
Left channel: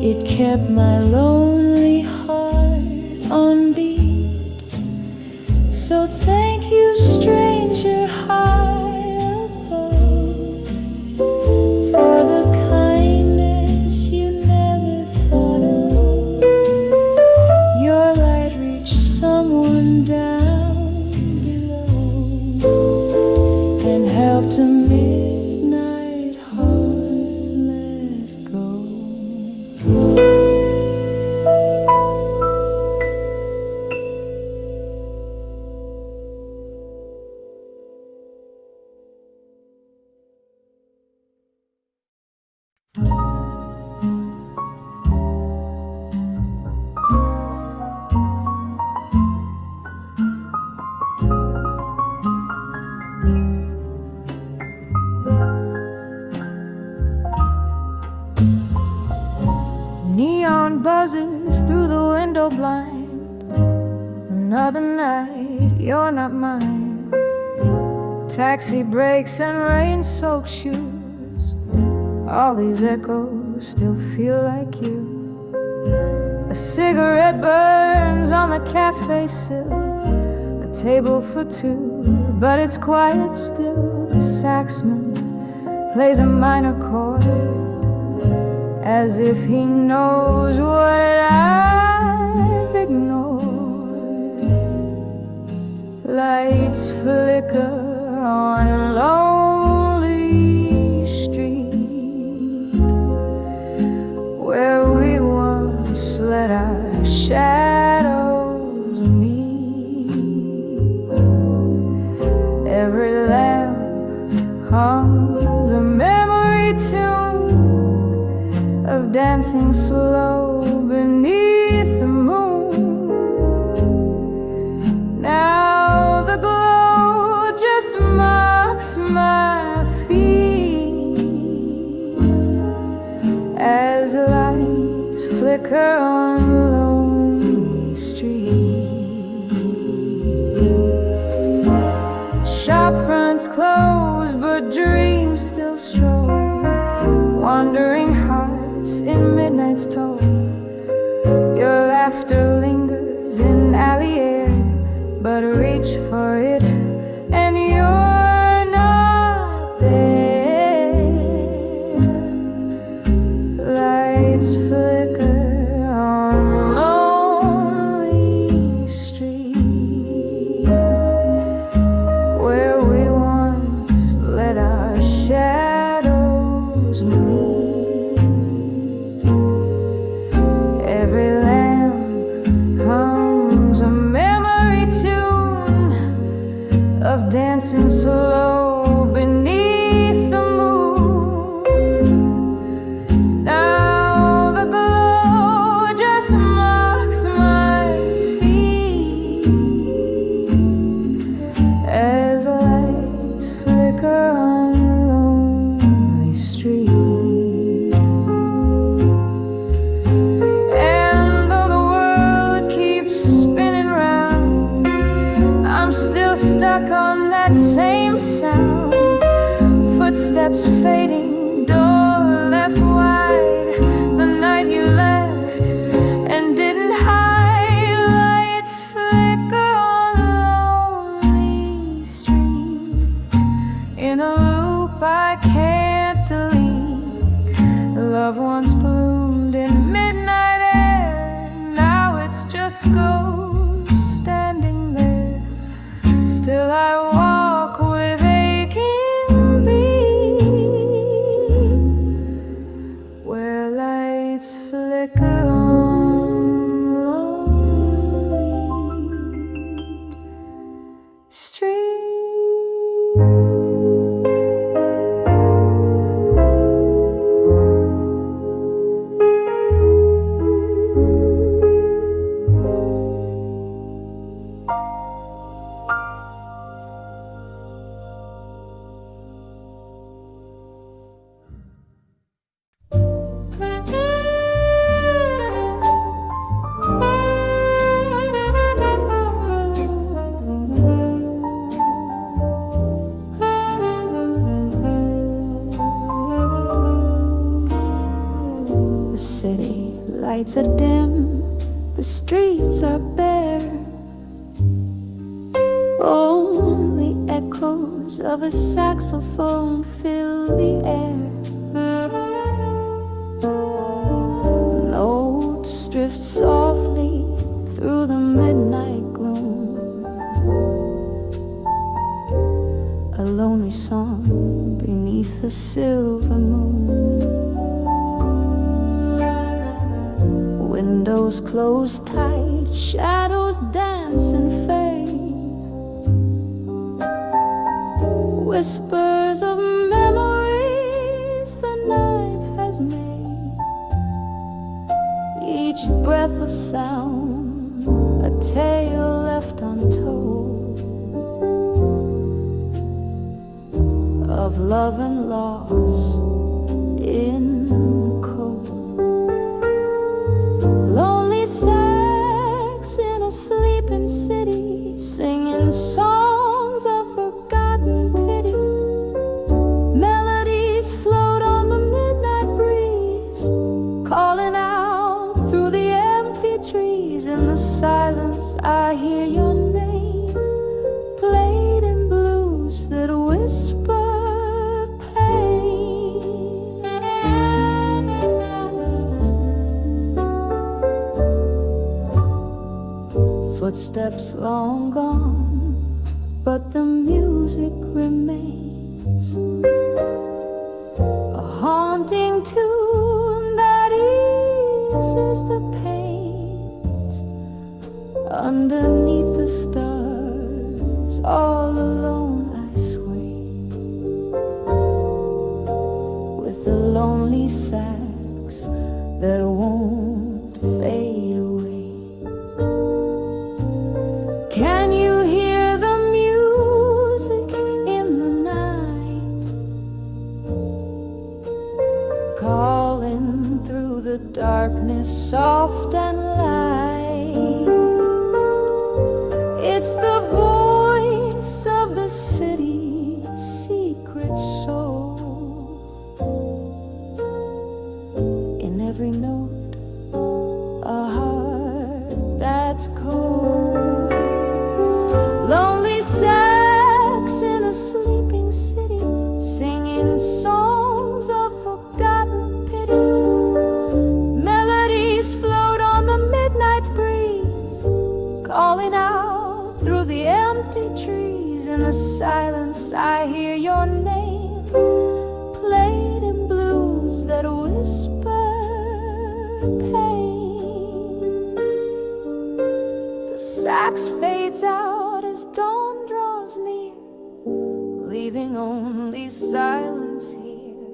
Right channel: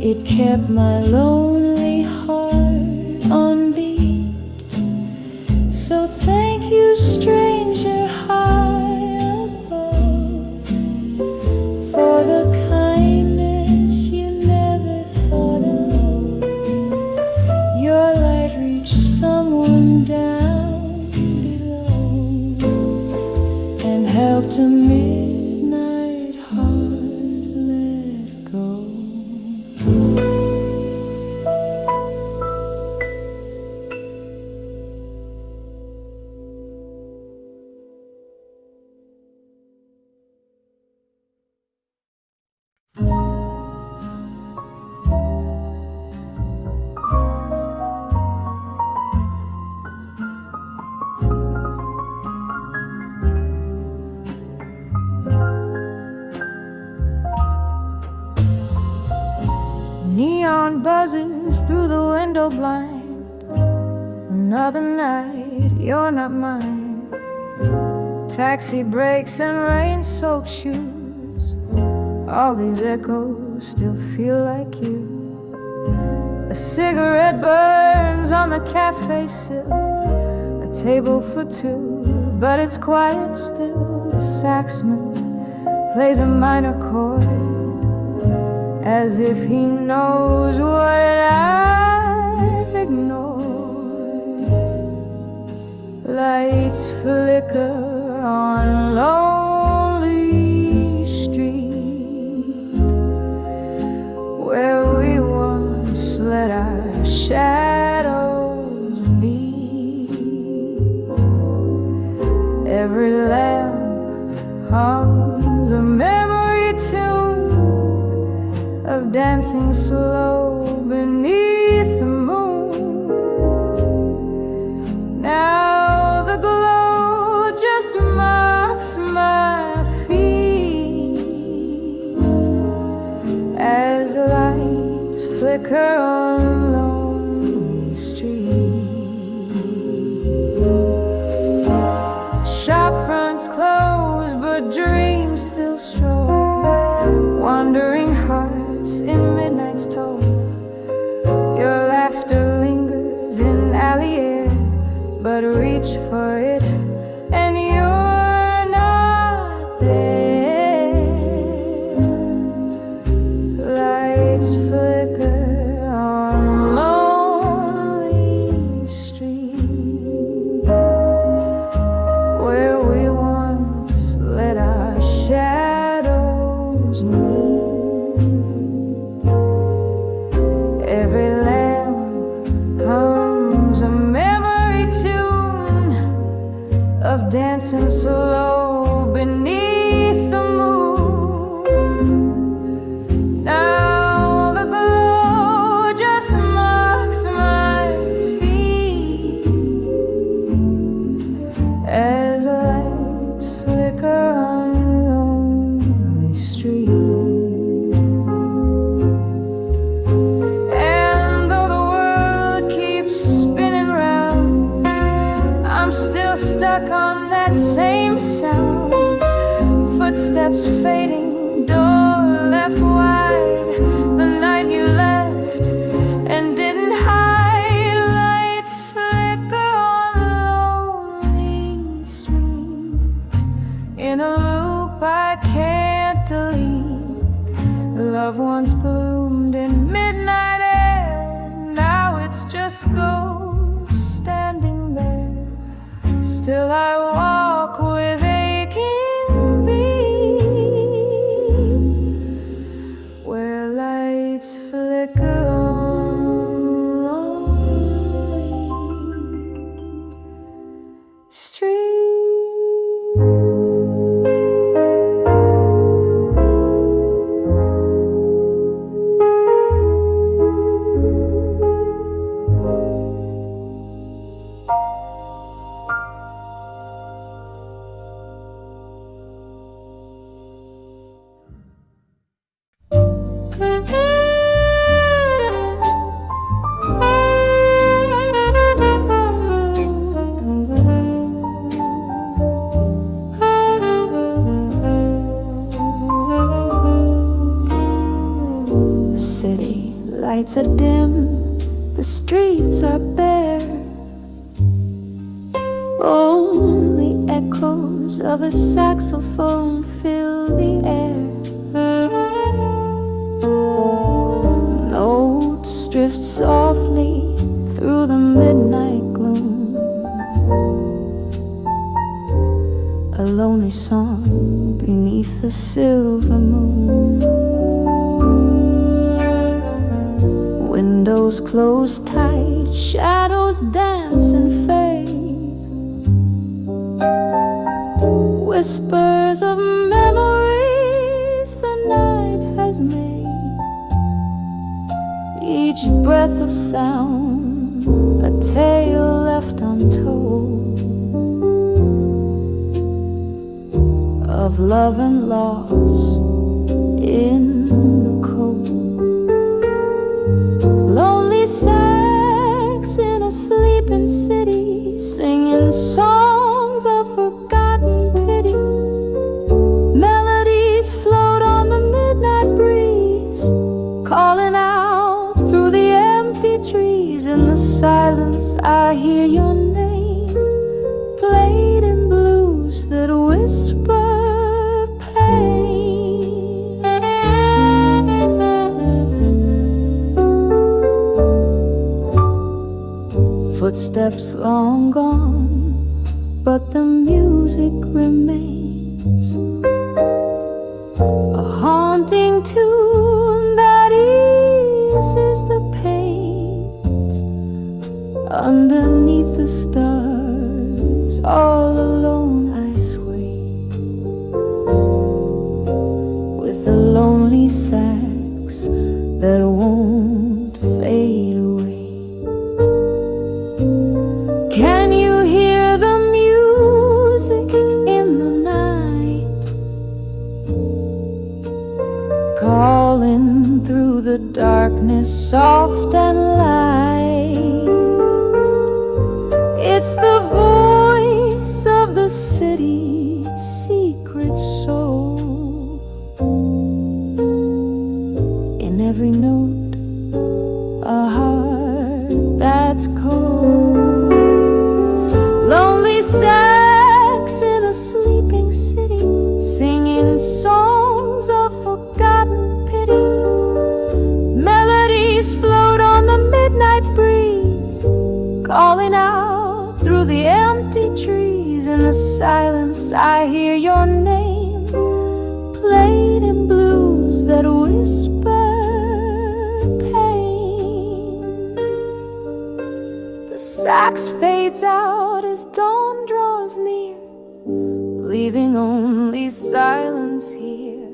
it kept my lonely heart on beat. So thank you, stranger high above, for the kindness you never thought of. Your light reached someone down below and helped a midnight heart let go. Neon buzzes through the window blind. Another night, you're not mine. Taxi brakes and rain-soaked shoes. All these echoes still feel like you. A cigarette burns on the cafe sill. A table for two, but it's quiet still. The saxman plays a minor chord, as if he knows what I've ignored. Lights flicker on lonely street, where we once let our shadows meet. Every lamp hums a memory tune of dancing slow beneath the moon. Now the glow just marks my feet as lights flicker on lonely street. Shop fronts close, but dreams still stroll, wandering hearts in midnight's toll. Your laughter lingers in alley air, but reach for it and you're not there. Lights flicker on lonely street, where we once let our shadows meet. Every lamp hums a memory tune of dancing slow beneath the moon. Now the glow just marks my feet as lights flicker on lonely street. And though the world keeps spinning round, I'm still stuck on that same sound. Footsteps fading, door left wide. The night you left and didn't hide. Lights flicker on lonely street, in a loop I can't delete. Love once bloomed in midnight air, now it's just ghosts standing there. Still I walk with aching beat, where lights flicker on lonely street. The city lights are dim, the streets are bare. Only echoes of a saxophone fill the air. Notes drift softly through the midnight gloom, a lonely song beneath the silver moon. Windows close tight, shadows dance and fade. Whispers of memories the night has made. Each breath of sound, a tale left untold, of love and loss in the cold. sleeping city, singing songs of forgotten pity. Melodies float on the midnight breeze, calling out through the empty trees. In the silence I hear your name, played in blues that whisper pain. Footsteps long gone, but the music remains, a haunting tune that eases the pains. Underneath the stars, all alone I sway, with the lonely sax that won't fade away. Can you hear the music in the night, calling through the darkness, soft and light? It's the voice of the city's secret soul. In every note, a heart that's cold. Lonely sax in a sleeping city, singing songs of forgotten pity. Melodies float on the midnight breeze, calling out through the empty trees. In the silence I hear your name, played in blues that whisper pain. The sax fades out as dawn draws near, leaving only silence here.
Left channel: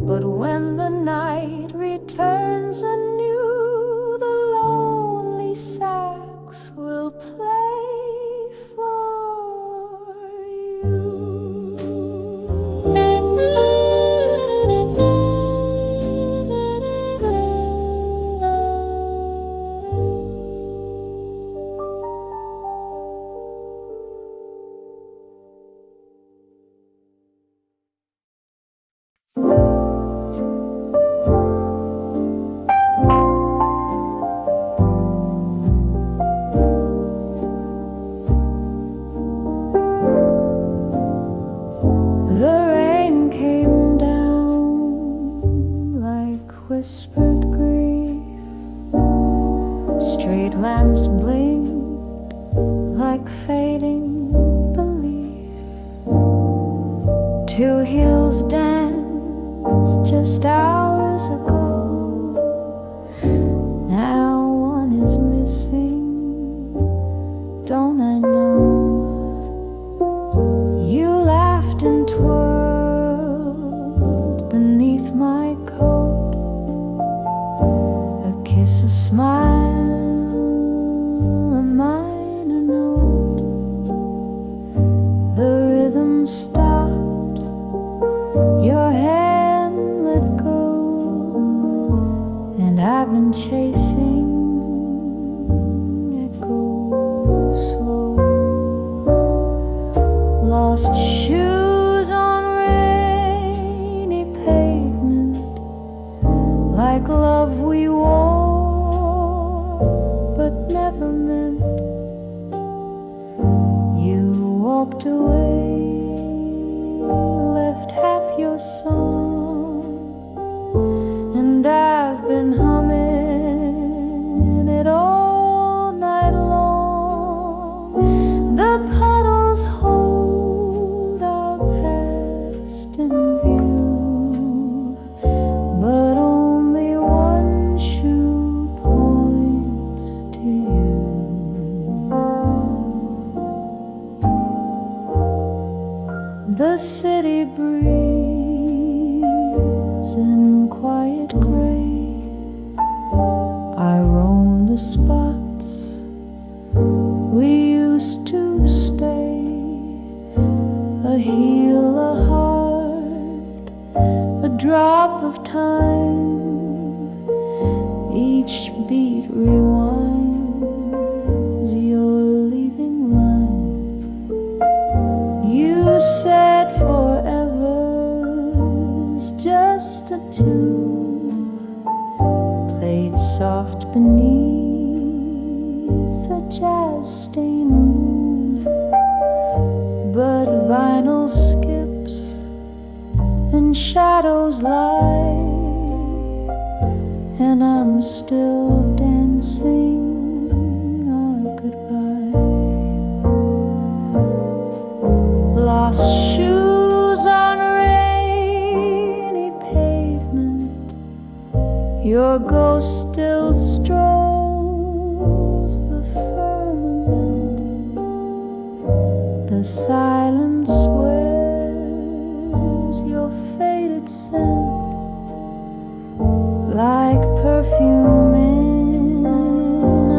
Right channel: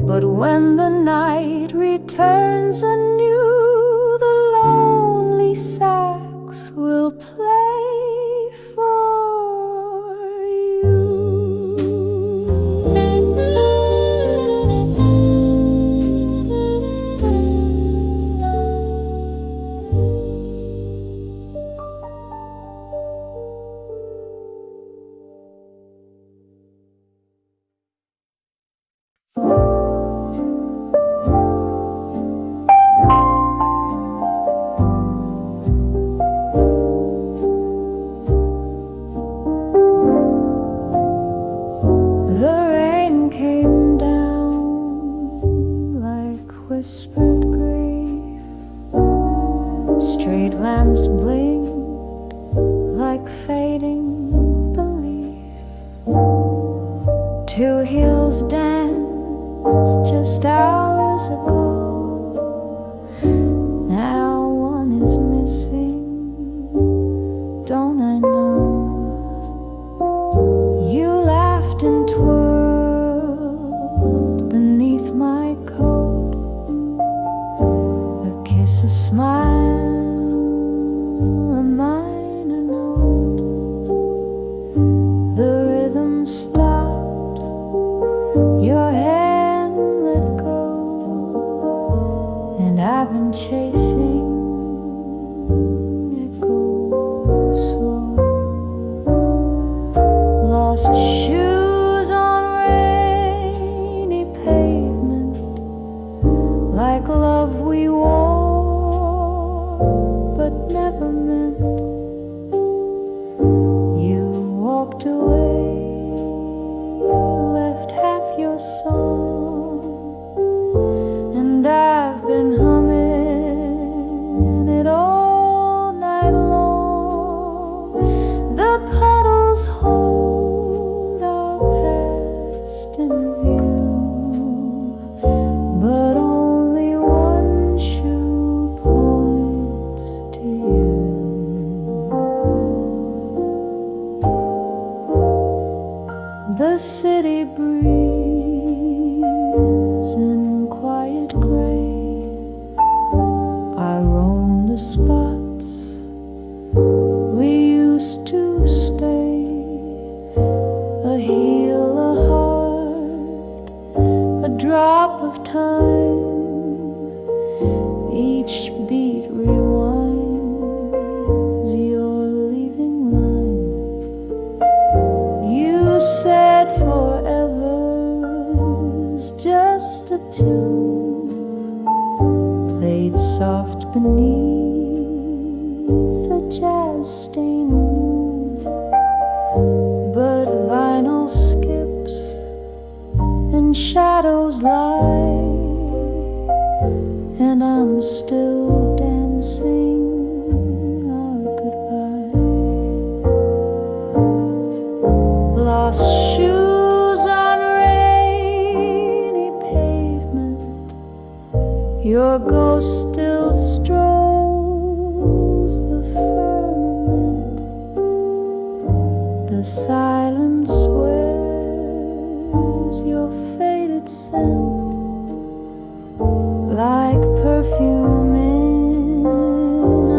But when the night returns anew, the lonely sax will play for you. The rain came down like whispered grief, street lamps blinked like fading belief. Two hills danced just hours ago, now one is missing, don't I know? You laughed and twirled beneath my coat, a kiss, a smile, a minor note. The rhythm stopped, your hand let go, and I've been chasing echoes slow. Lost shoes on rainy pavement, like love we wore but never meant. You walked away, left half your song, and I've been humming it all night long. The puddles hold our past in view, but only one shoe points to you. The city breathes in quiet gray. I roam the spots we used to stay, a heel, a heart, a drop of time. Each beat rewinds was your leaving line. You said forever's just a tune played soft beneath a jazz-stained moon. But vinyl skips and shadows lie, and I'm still dancing our goodbye. Lost shoes on rainy pavement, your ghost still strolls the firmament. The silence wears your faded scent like perfume in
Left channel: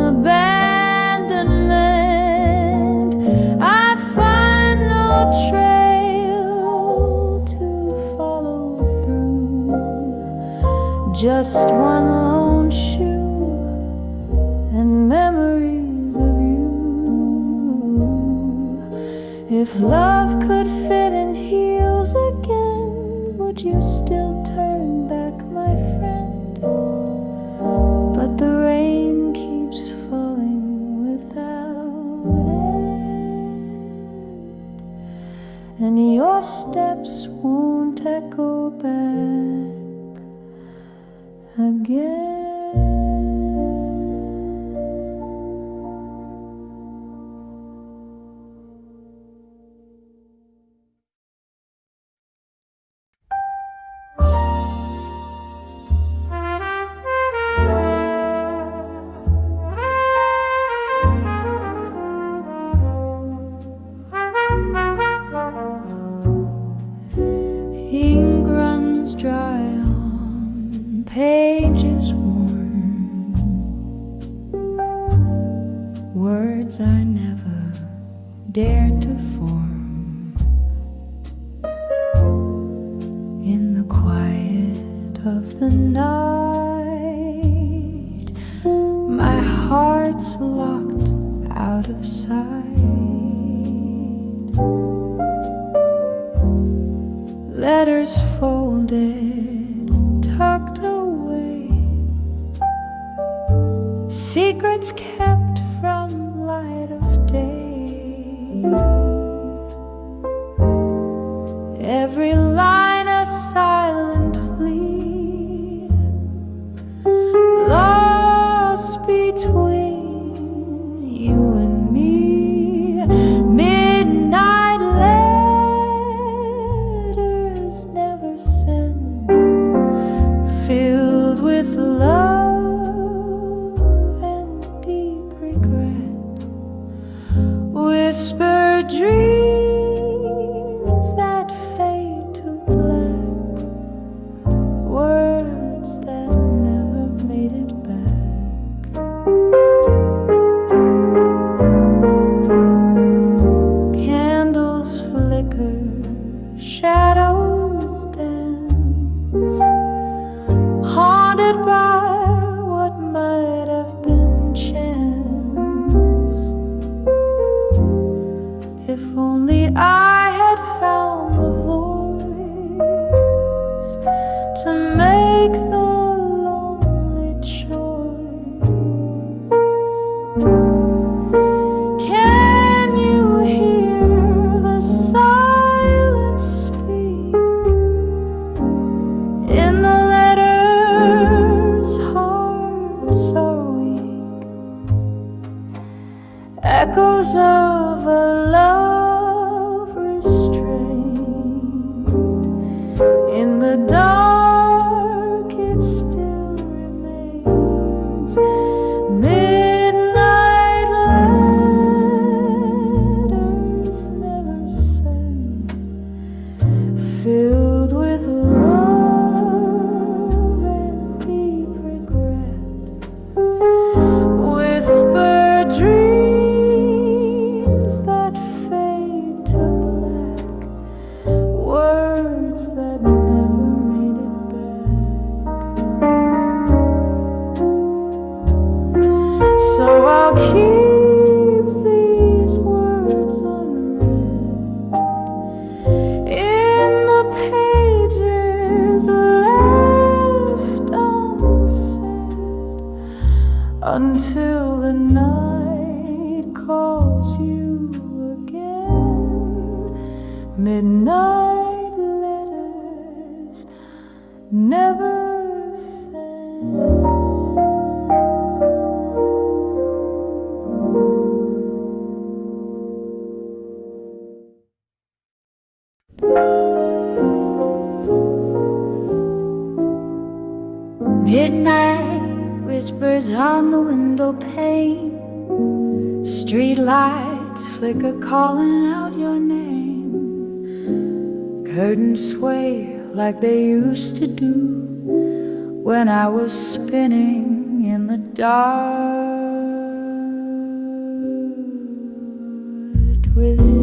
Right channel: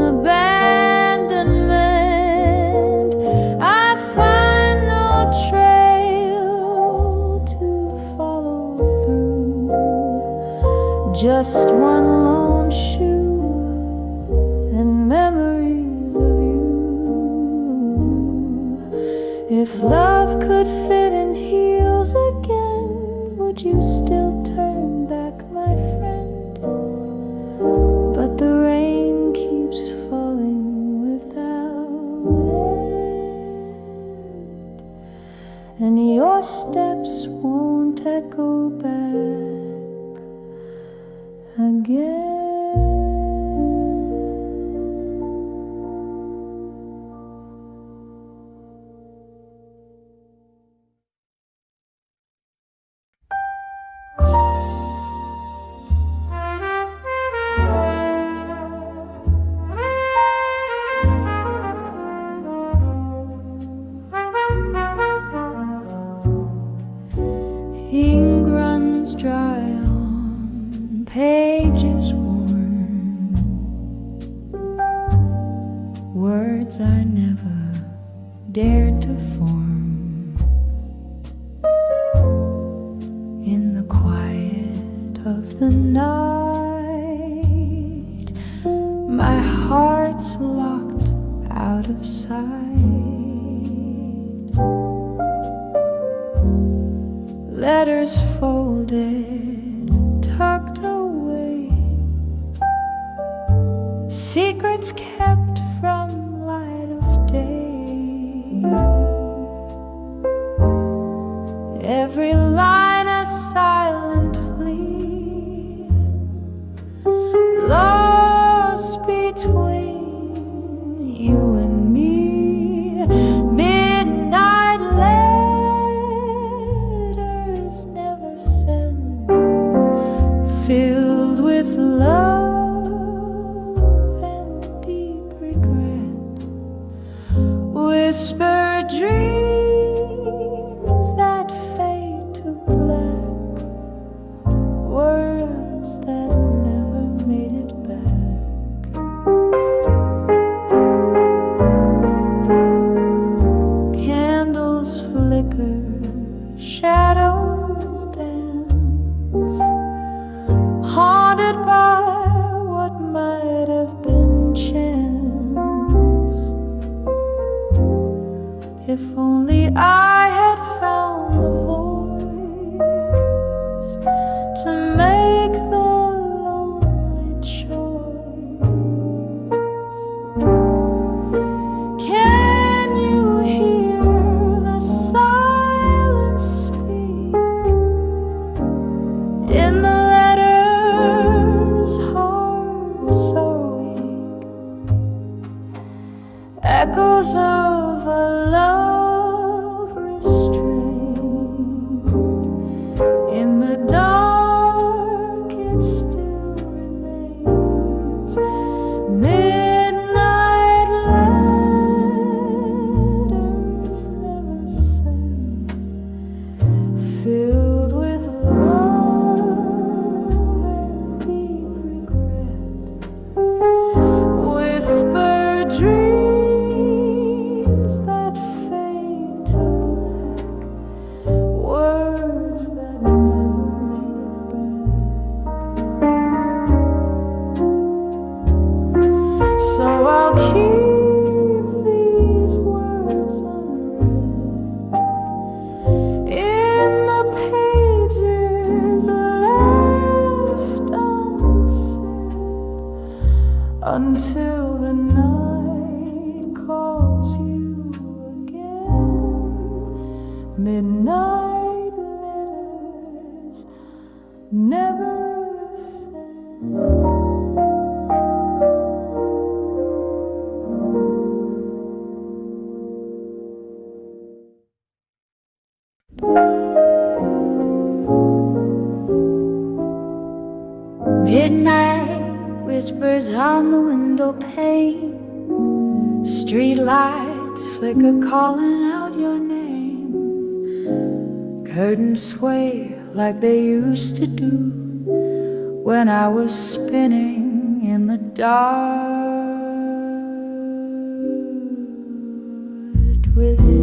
abandonment. I find no trail to follow through, just one lone shoe and memories of you. If love could fit in heels again, would you still turn back, my friend? But the rain keeps falling without end, and your steps won't echo back again. Ink runs dry on pages worn, words I never dared to form. In the quiet of the night, my heart's locked out of sight. Letters folded, tucked away, secrets kept from light of day. Every line a silent plea, lost between you and me. Midnight letters never send, filled with love and deep regret. Whispered dreams that fade to black, words that never made it back. Candles flicker, shadows dance, haunted by what might have been chance. If only I had found the voice to make the lonely choice. Can you hear the silence speak in the letters? Hearts are weak, echoes of a love restrained. In the dark it still remains. Midnight letters never send, filled with love and deep regret. Whispered dreams that fade to black, words that never made it back. So I'll keep these words unread in the pages left unsaid until the night calls you again. Midnight letters never send. Midnight whispers on the window pane. Street lights flicker calling out your name. Curtains sway like they used to do when I was spinning in the dark with you.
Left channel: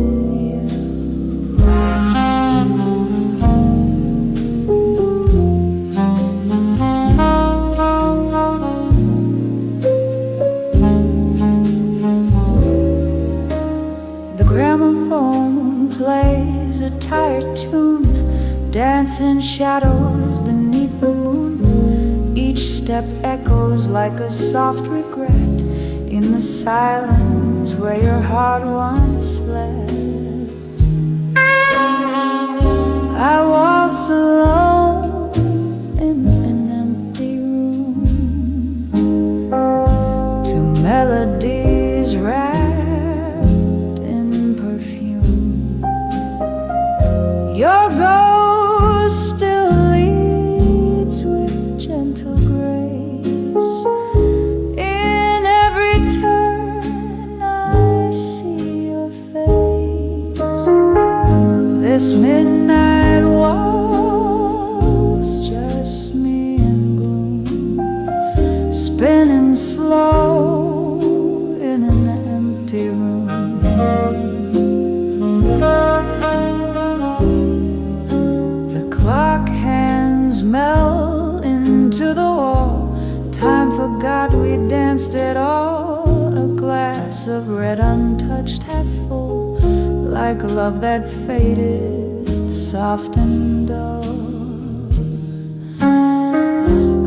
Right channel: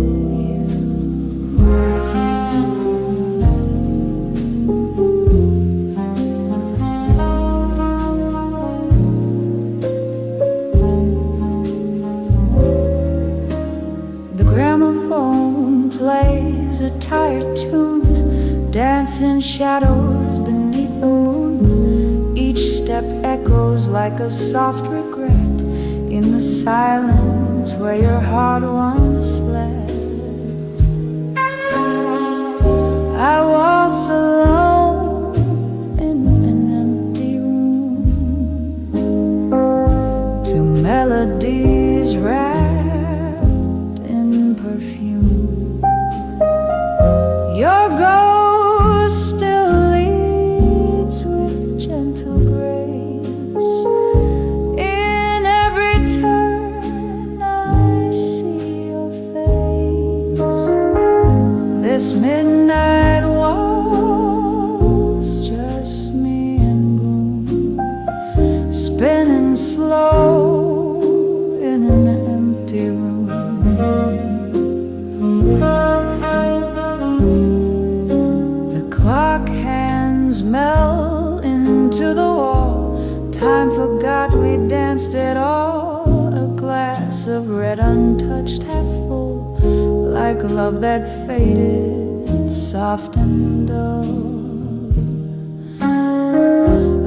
The gramophone plays a tired tune, dancing shadows beneath the moon. Each step echoes like a soft regret in the silence where your heart once slept. I waltz alone in an empty room to melodies wrapped in perfume. Your ghost still leads with gentle grace. In every turn I see your face. This midnight waltz, just me and gloom, spinning slow in an empty room. The clock hands melt into the wall. Time forgot we danced at all. A glass of red untouched, half full, like love that faded, soft and dull.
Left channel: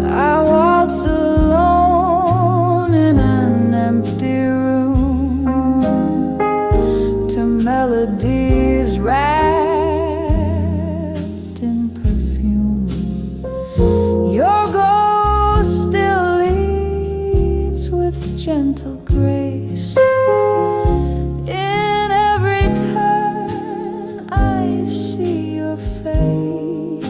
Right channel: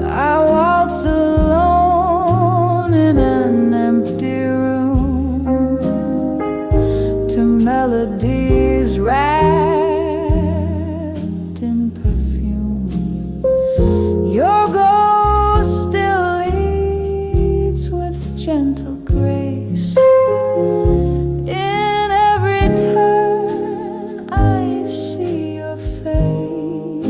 I waltz alone in an empty room to melodies wrapped in perfume. Your ghost still leads with gentle grace. In every turn I see your face.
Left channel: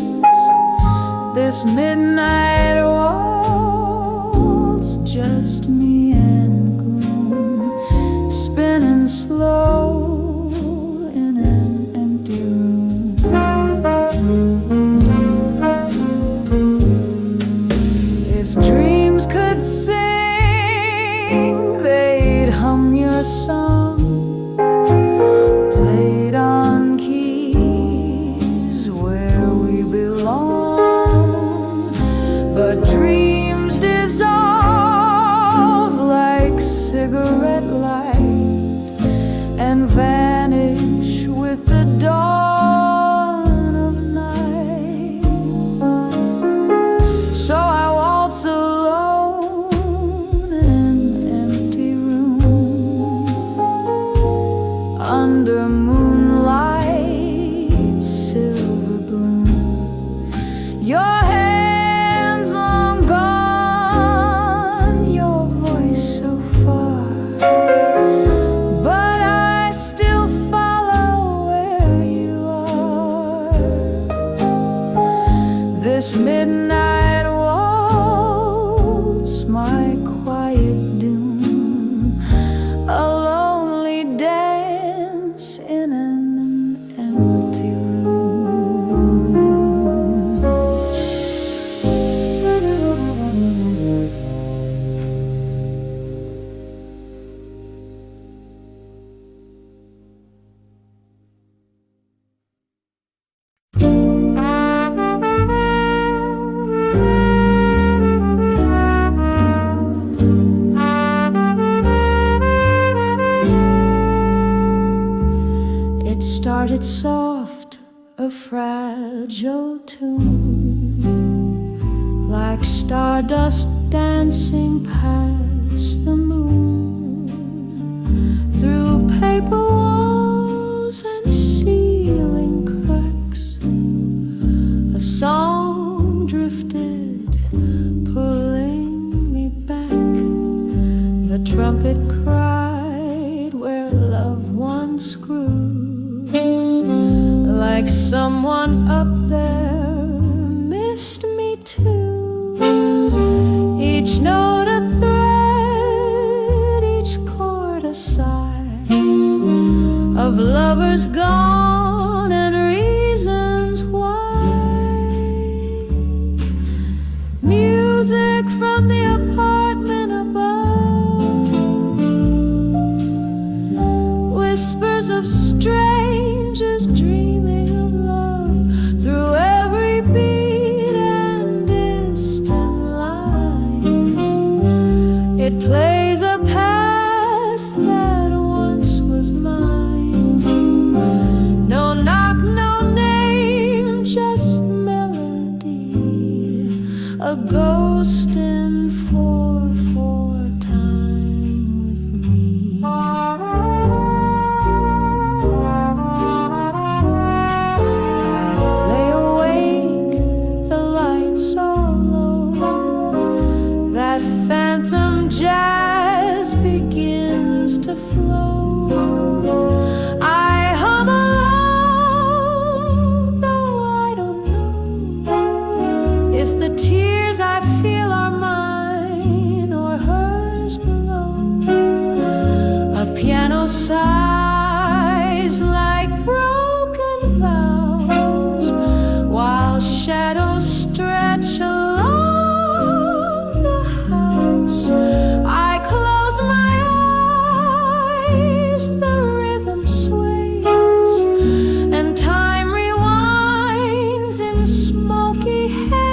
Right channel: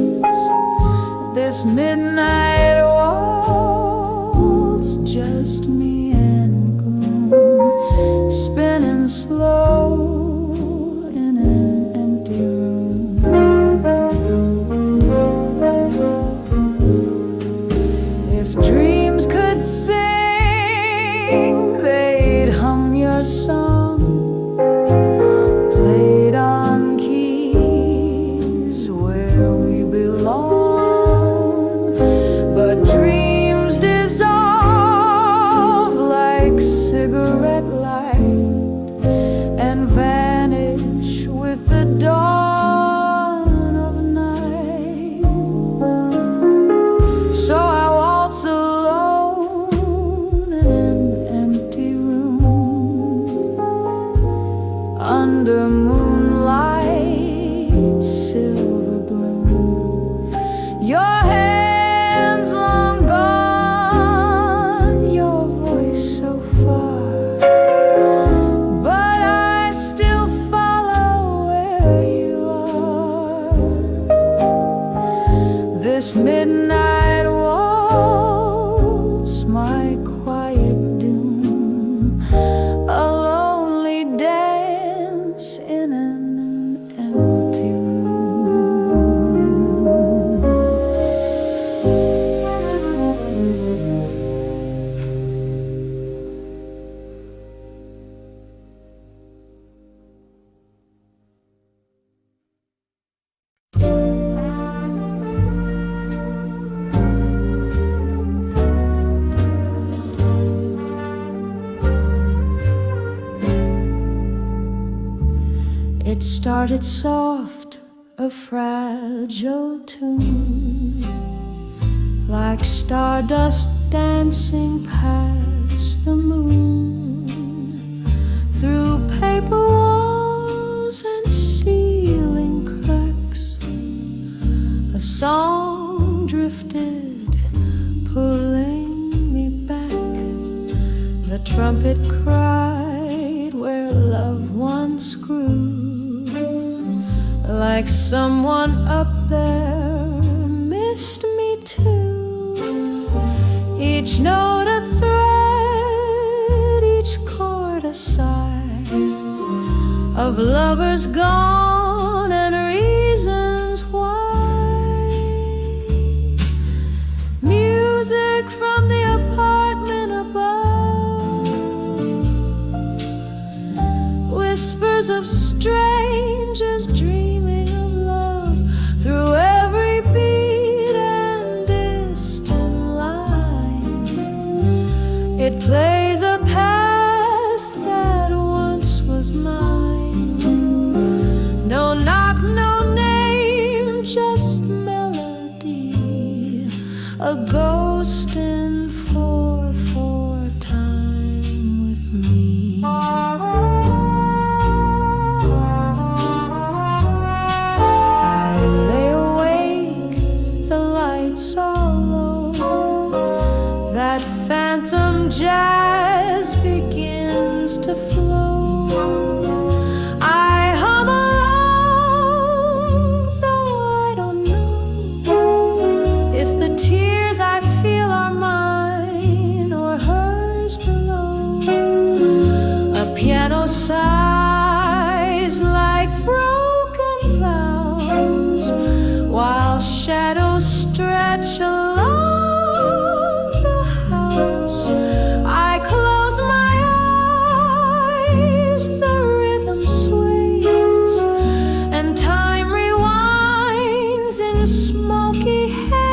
This midnight waltz, just me and gloom, spinning slow in an empty room. If dreams could sing, they'd hum your song, played on keys where we belong. But dreams dissolve like cigarette light and vanish with the dawn of night. So I waltz alone in an empty room under moonlight, silver bloom. Your hands long gone, your voice so far, but I still follow where you are. This midnight waltz, my quiet doom, a lonely dance in an empty room. started soft, a fragile tune, like stardust dancing past the moon, through paper walls and ceiling cracks. A song drifted, pulling me back. The trumpet cried where love once grew, like someone up there missed me too. Each note a thread, each chord a sigh, of lovers gone and reasons why. Music from the apartment above, whispers of strangers dreaming of love, through every beat and distant line. It plays a past that once was mine. No knock, no name, just melody, a ghost in 4/4 time with me. I lay awake, the lights all low, that phantom jazz begins to flow. I hum along, though I don't know if the tears I feel are mine or hers below. A piano sighs like broken vows, while shadows stretch along the house. I close my eyes, the rhythm sways, and time rewinds in smoky haze.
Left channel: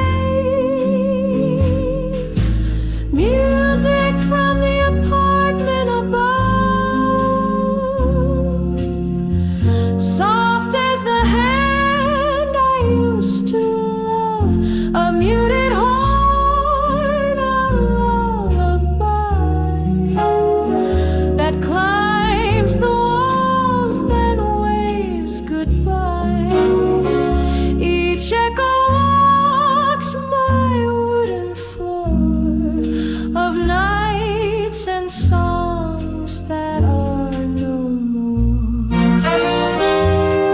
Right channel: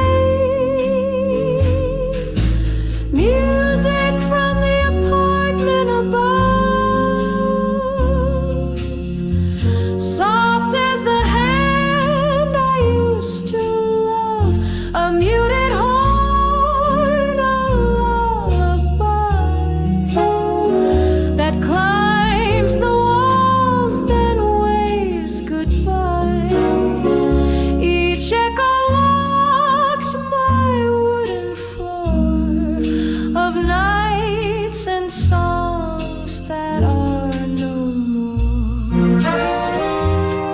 Music from the apartment above, soft as the hand I used to love, a muted horn, a lullaby that climbs the walls, then waves goodbye. Each echo walks my wooden floor of nights and songs that are no more.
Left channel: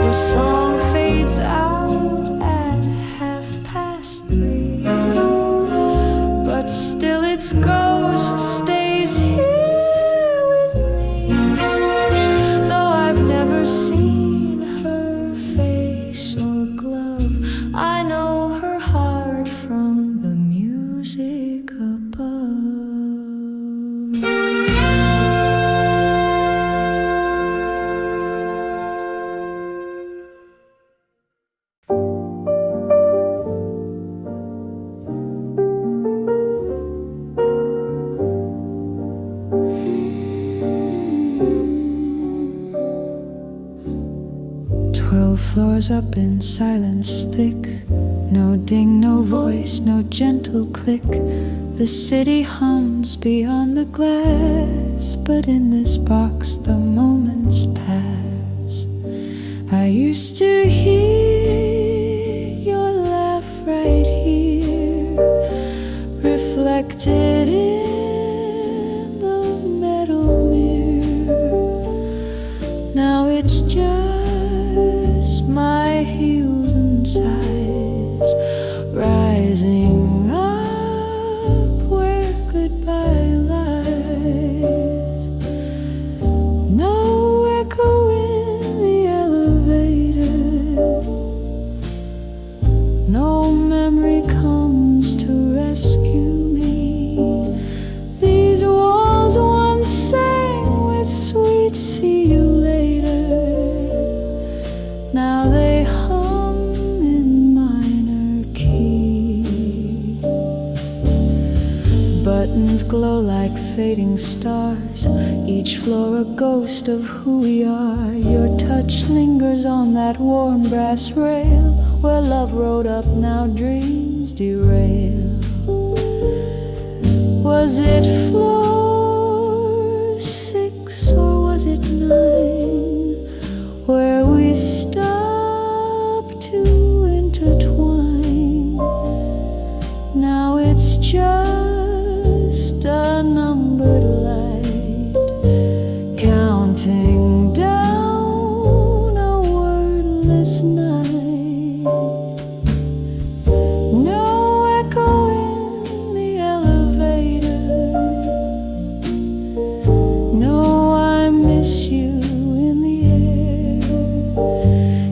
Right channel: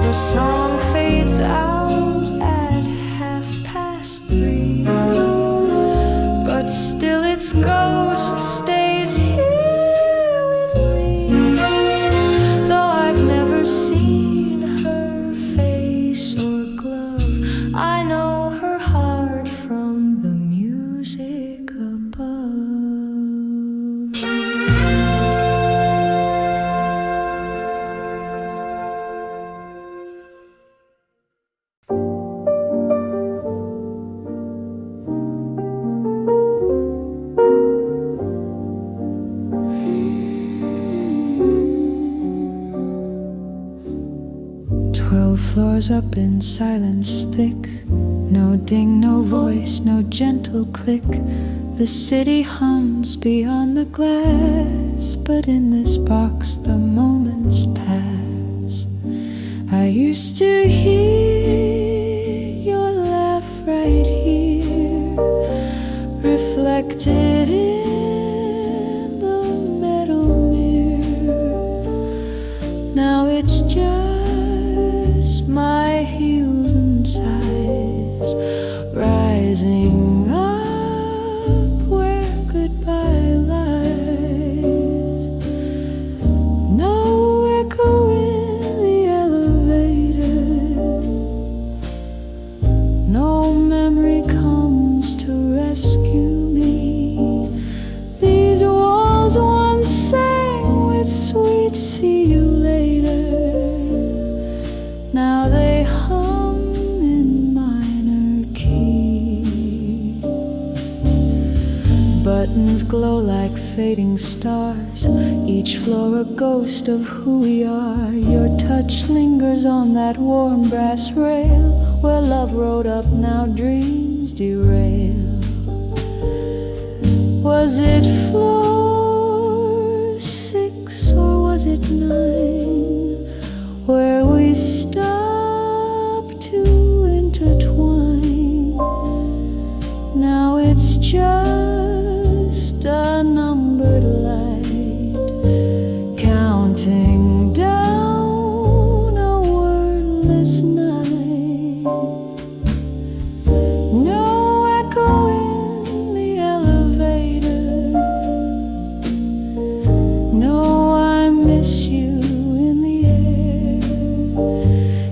The song fades out at 3:30, but still its ghost stays here with me. Though I've never seen her face or glove, I know her heart from the music above. 12 floors up in silence thick, no ding, no voice, no gentle click. The city hums beyond the glass, but in this box the moments pass. I used to hear your laugh right here, reflected in the metal mirror. Now it's just my heels and sighs rising up where goodbye lies. No echo in the elevator, no memory comes to rescue me. These walls once sang with sweet see you later. Now they hum in minor key, but buttons glow like fading stars, each floor a ghost of who we are. Your touch lingers on that warm brass rail, where love rode up, now dreams derail. Was it floor 6 or was it 9, where we stopped to intertwine? Now it's just a numbered light, counting down a wordless night. No echo in the elevator, no I miss you in the air.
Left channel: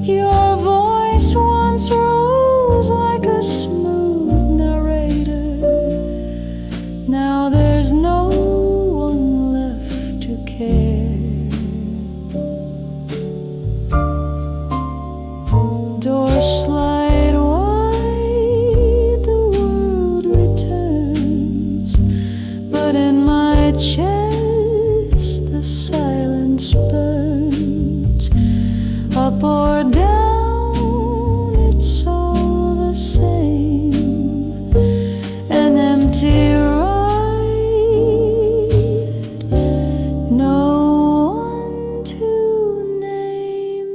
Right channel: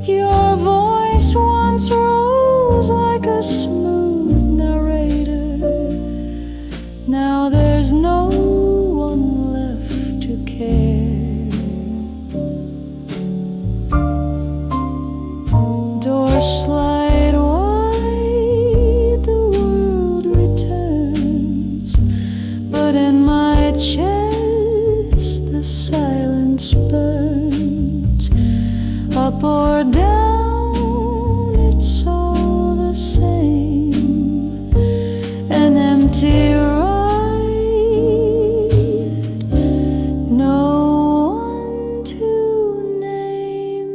Your voice once rose like a smooth narrator, now there's no one left to care. Doors slide wide, the world returns, but in my chest the silence burns. Up or down, it's all the same, an empty ride, no one to name.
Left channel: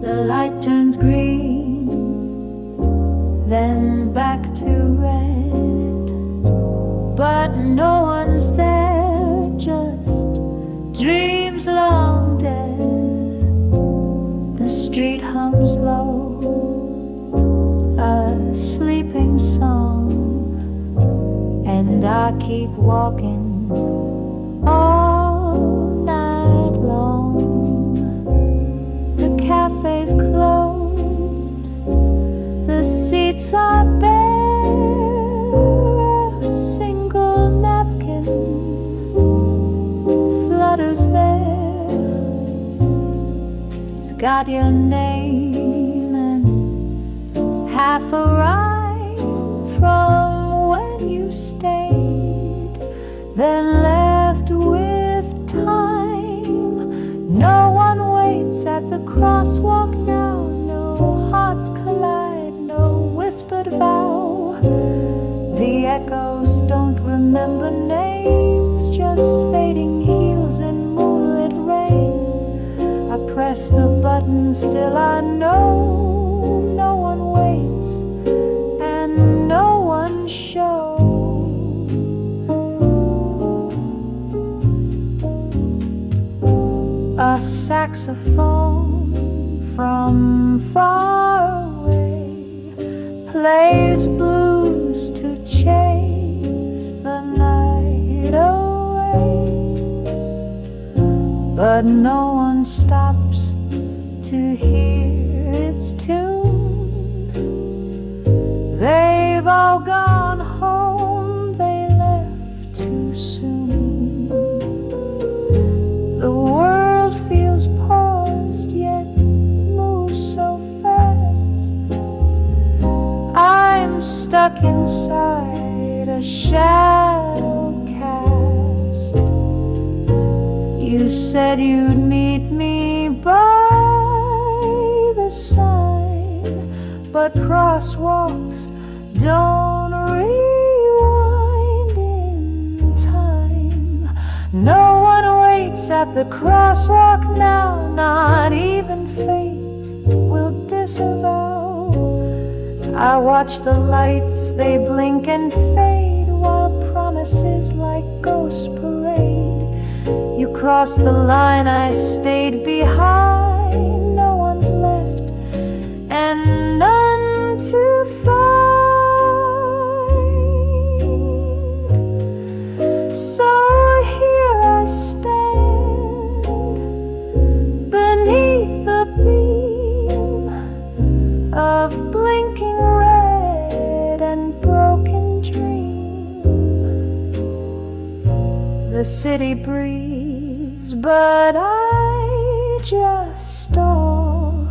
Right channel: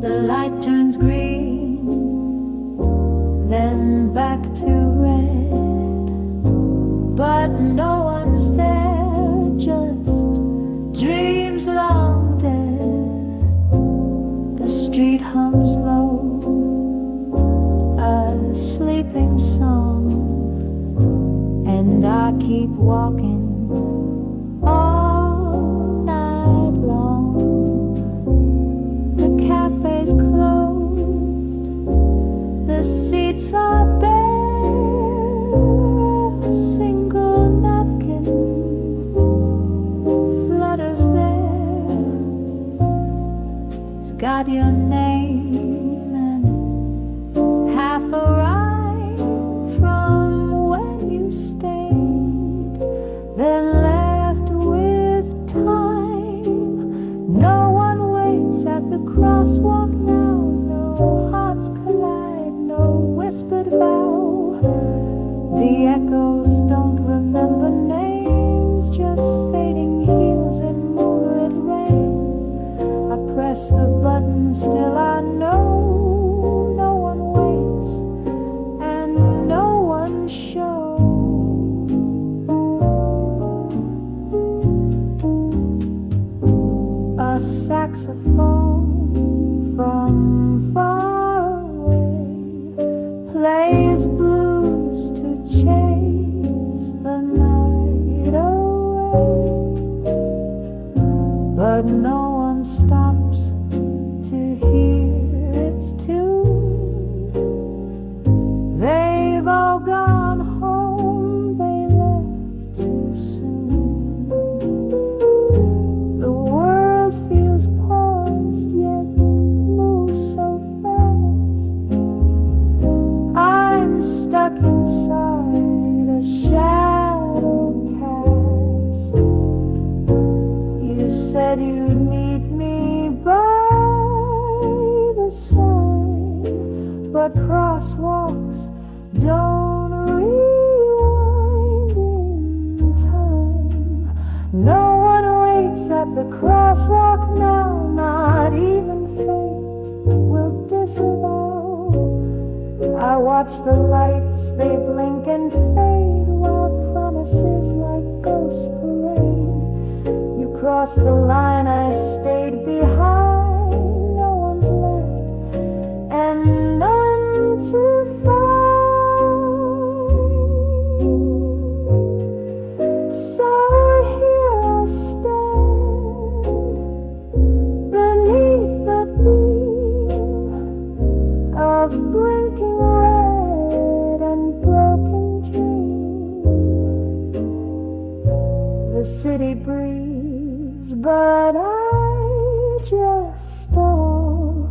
The light turns green, then back to red, but no one's there, just dreams long dead. The street hums low, a sleeping song, and I keep walking all night long. The cafe's closed, the seats are bare, a single napkin flutters there. It's got your name and half a rhyme from when you stayed, then left with time. No one waits at the crosswalk now, no hearts collide, no whispered vow. The echoes don't remember names, just fading heels in moonlit rain. I press the button, still I know no one waits and no one shows. A saxophone from far away plays blues to chase the night away, but no one stops to hear its tune. They've all gone home, they left too soon. The world feels paused, yet moves so fast. I'm stuck inside a shadow cast. You said you'd meet me by the sign, but crosswalks don't rewind in time. No one waits at the crosswalk now, not even fate will disavow. I watch the lights, they blink and fade, while promises like ghosts parade. You crossed the line, I stayed behind. No one's left and none to find. So here I stand, city breeze, but I just stall.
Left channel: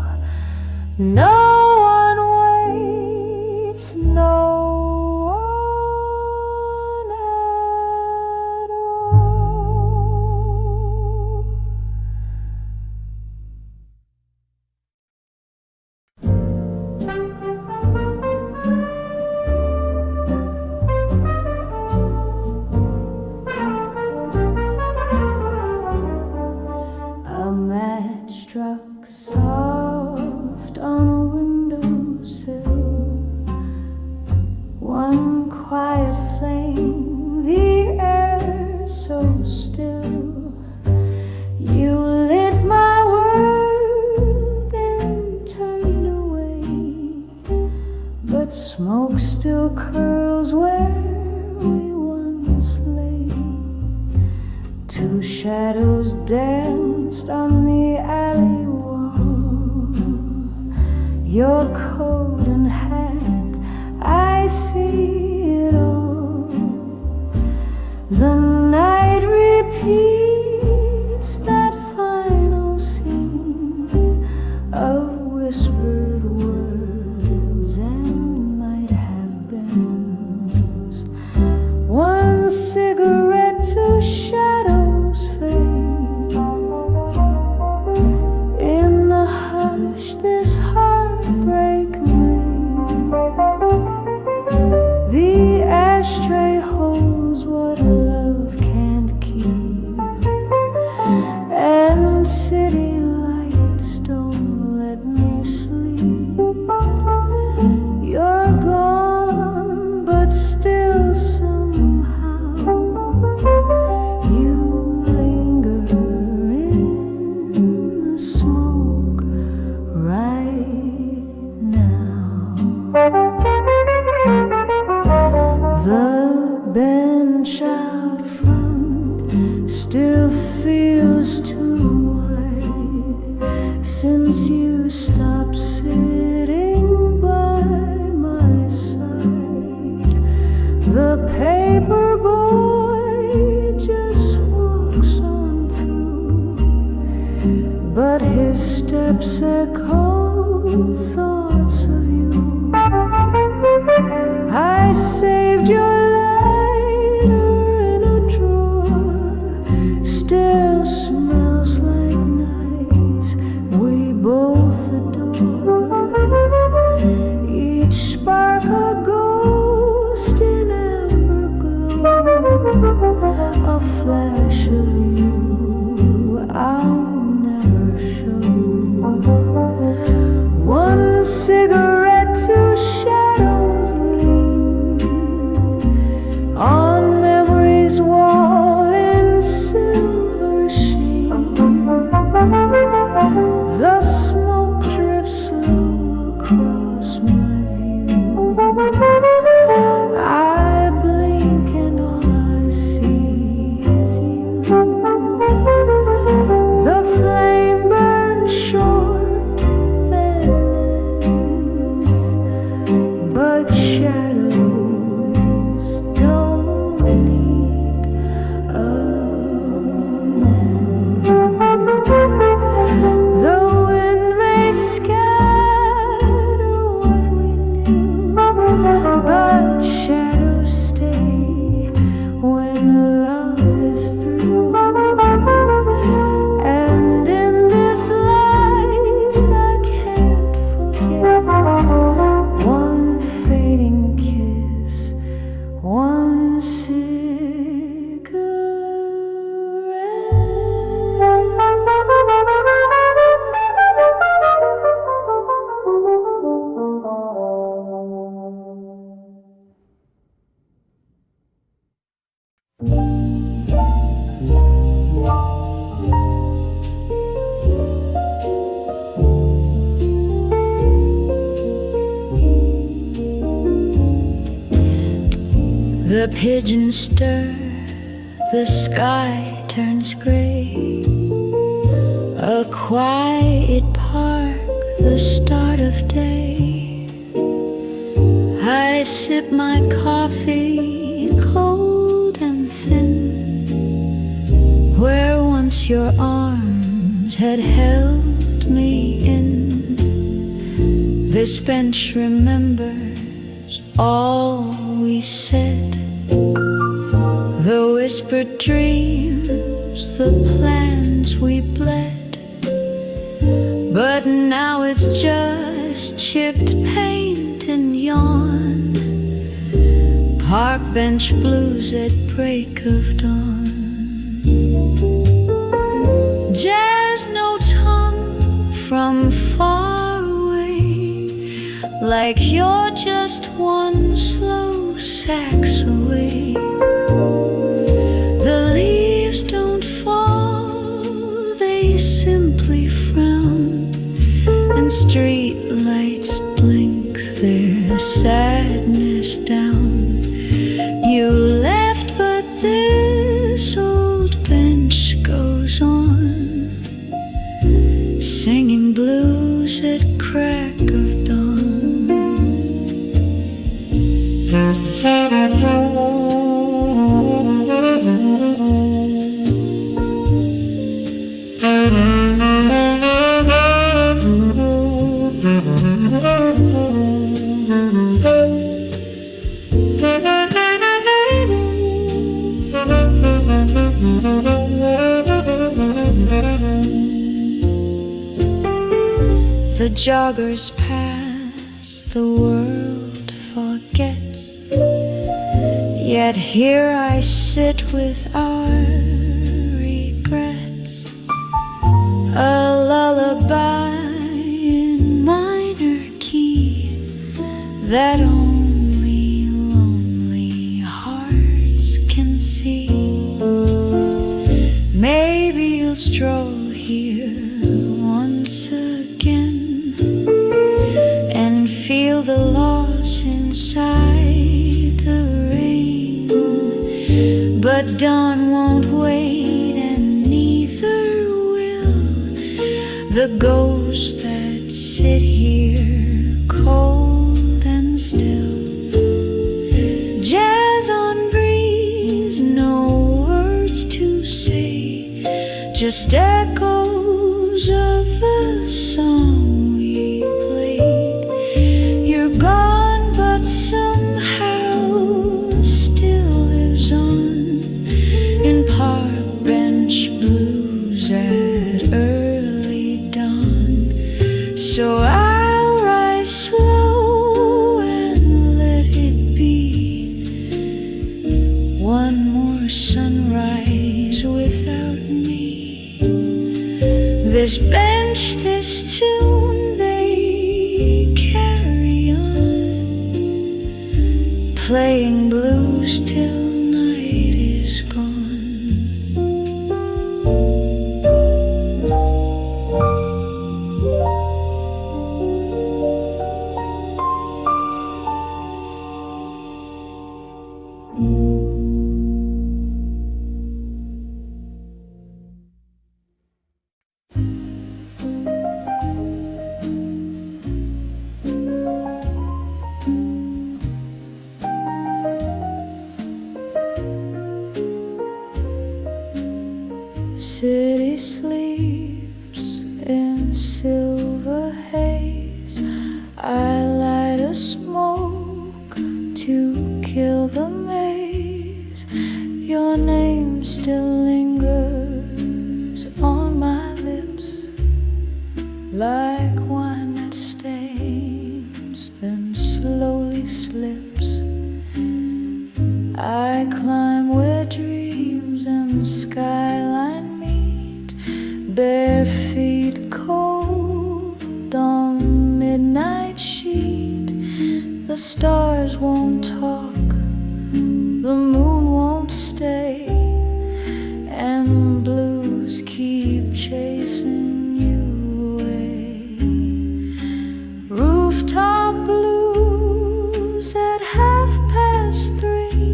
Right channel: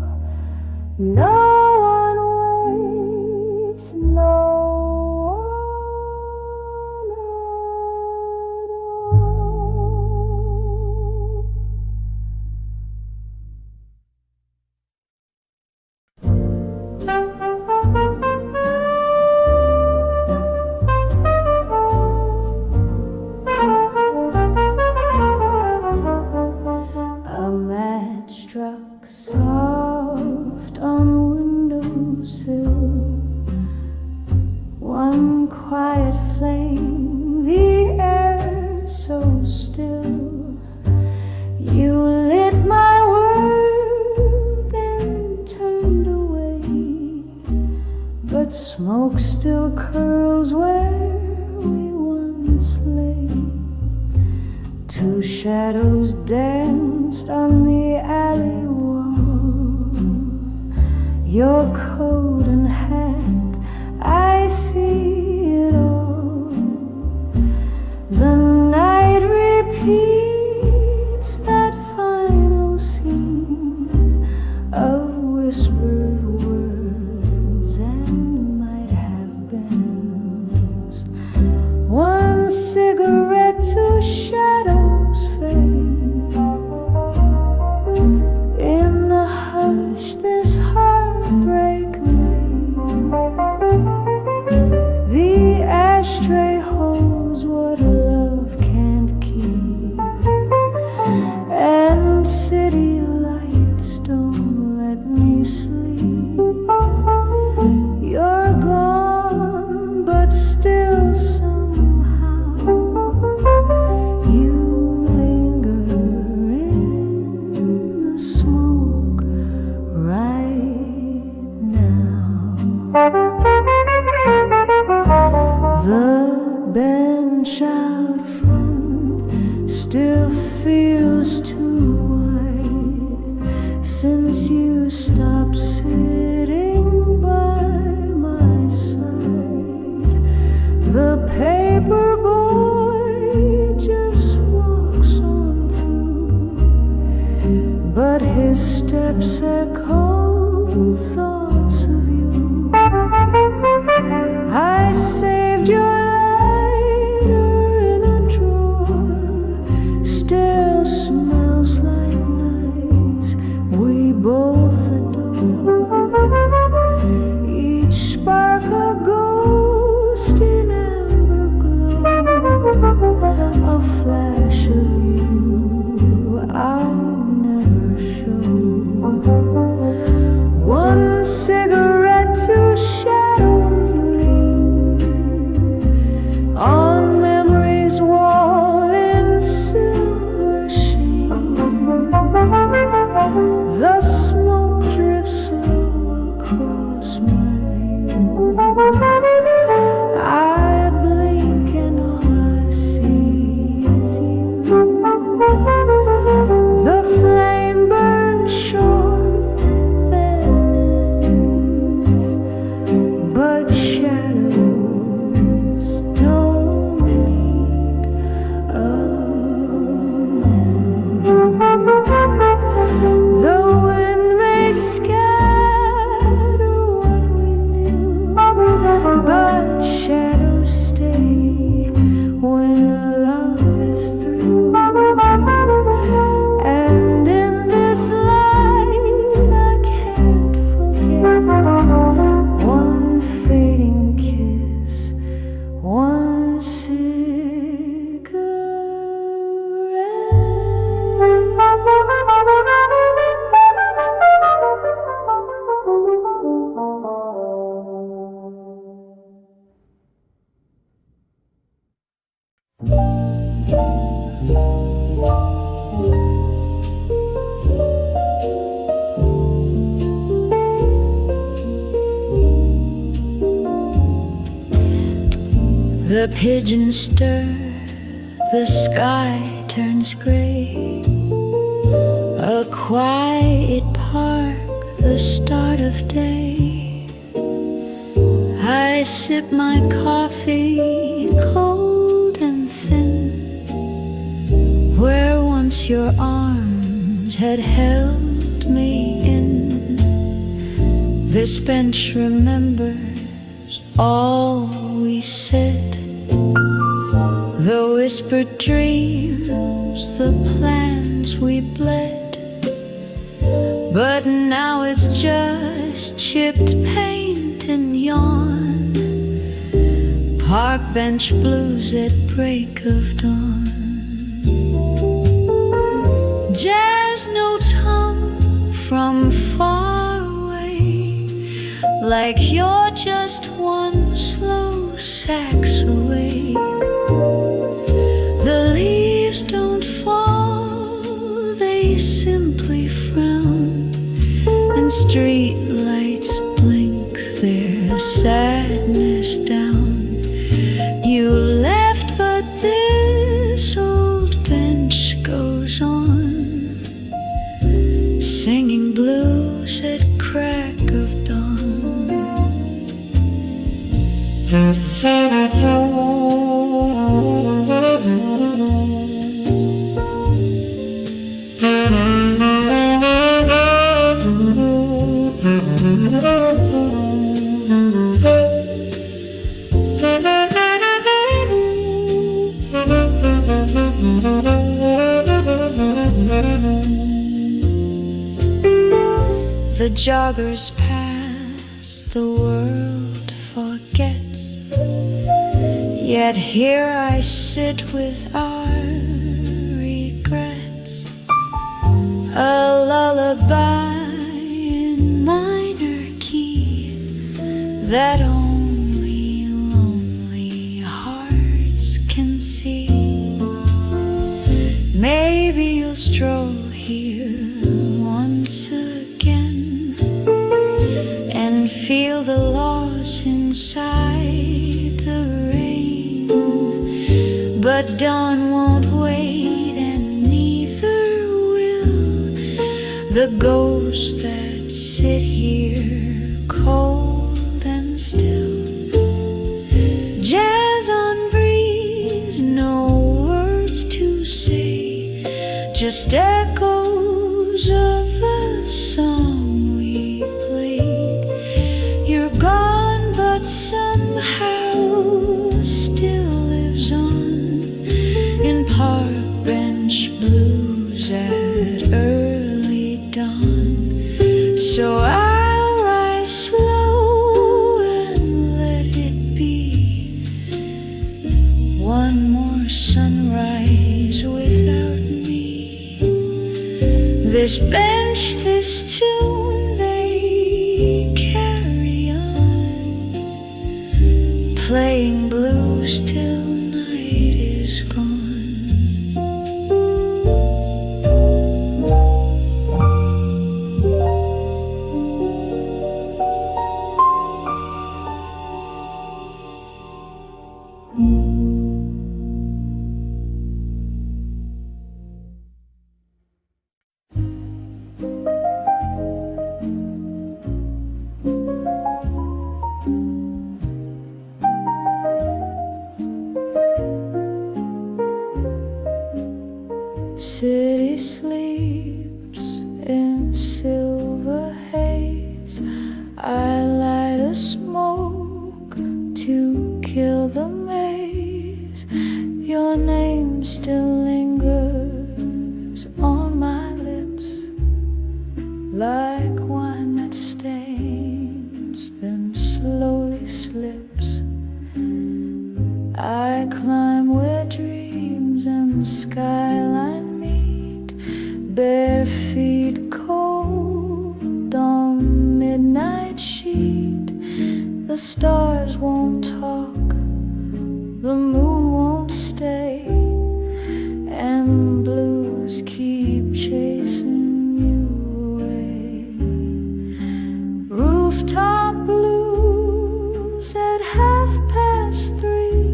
No one waits, no one at all. A match struck soft on a windowsill, one quiet flame, the air so still. You lit my world, then turned away, but smoke still curls where we once lay. Two shadows danced on the alley wall, your coat and hat, I see it all. The night repeats that final scene of whispered words and might have beens. One cigarette, two shadows fade. In the hush this heartbreak made, the ashtray holds what love can't keep, and city lights don't let me sleep. You're gone, but still somehow you linger in the smoke right now. The bench out front still feels too wide since you stopped sitting by my side. The paper boy just walks on through, but his steps echo thoughts of you. I saved your lighter in a drawer, still smells like nights we both adore. Each spark a ghost in amber glow, a flash of you I'll never show. One cigarette, two shadows lean on memory's wall in silver sheen. The smoke drifts slow across my view. I blink and all I see is you. The flame burns short, then ends, but shadows don't need amends. The wind may scatter what we knew, but shadows stay when love is through. And in this light I can't forget one fading kiss, one The pigeons stir, the sky turns gray. A quiet park, the start of day. I sip my coffee, cold and thin, once your arms had held me in. This bench remembers all we said, the whispered dreams, the plans we bled. But now it's just chipped paint and yawn, park bench blues at break of dawn. Jazz notes hum from far away, like you're just one slow sax away. The leaves don't fall, they simply frown, and street lights blink their sadness down. You left, but this old bench goes on, singing blues at crack of dawn. The joggers pass, the world forgets, yet here I sit with our regrets. A lullaby in minor key that only lonely hearts can see. Maybe you'll stroll here once again and feel the loss inside the rain. But dawn won't wait, and neither will the ghosts that sit here cold and still. Jazz on breeze, no words to say, just echoes of a song we played. You're gone, but somehow still lives on in park bench blues at early dawn. So I'll rise slow and let it be one more sunrise without me. This bench, this tune, they carry on, playing blues till night is gone. City sleeps in silver haze. I light a smoke to kill the maze. Your name still lingers on my lips, like wine that stains, then slowly slips. I climb where dreams and skyline meet, bare feet cold on midnight sheet. The stars won't talk, the moon won't stay, and blues keep chasing you away. Rooftop blues at 3:30,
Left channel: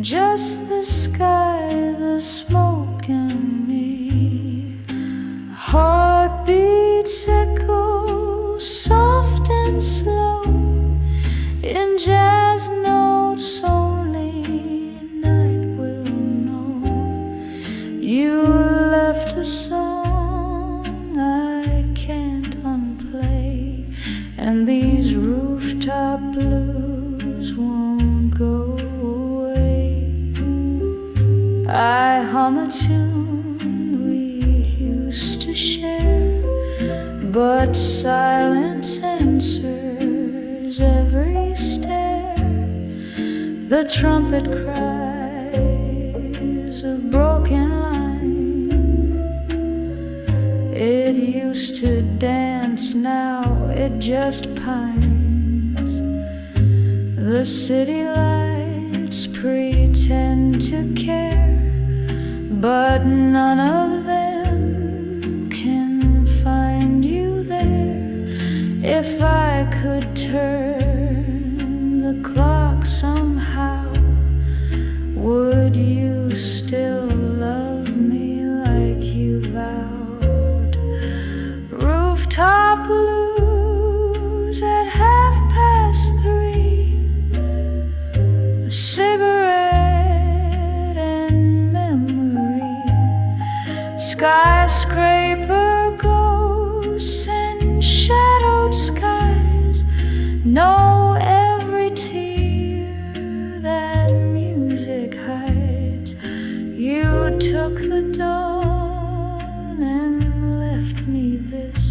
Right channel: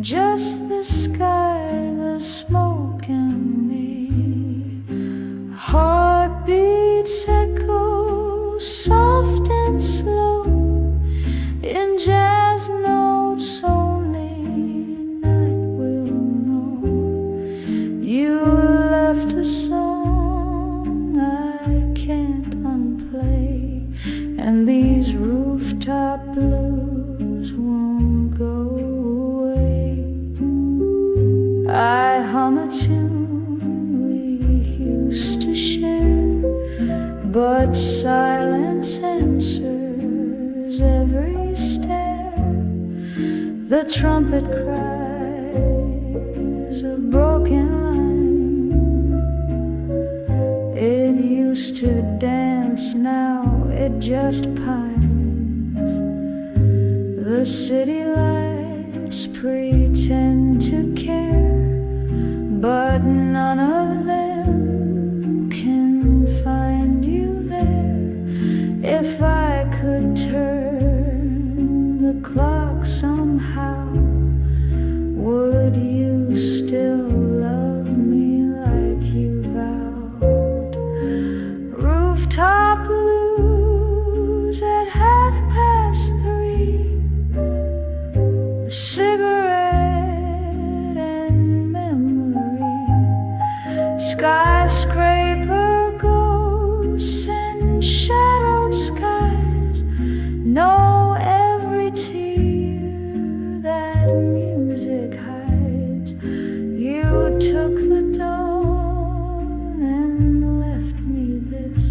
just the sky, the smoke, and me. Heartbeats echo soft and slow in jazz notes only night will know. left a song I can't unplay, and these rooftop blues won't go away. I hum a tune we used to share, but silence answers every stare. The trumpet cries a broken line. It used to dance, now it just pines. The city lights pretend to care, but none of them can find you there. If I could turn the clock somehow, would you still love me like you vowed? Rooftop blues at 3:30, a cigarette and memory, skyscraper ghosts and shadowed skies. Know every tear that music hides. You took the dawn and left me this,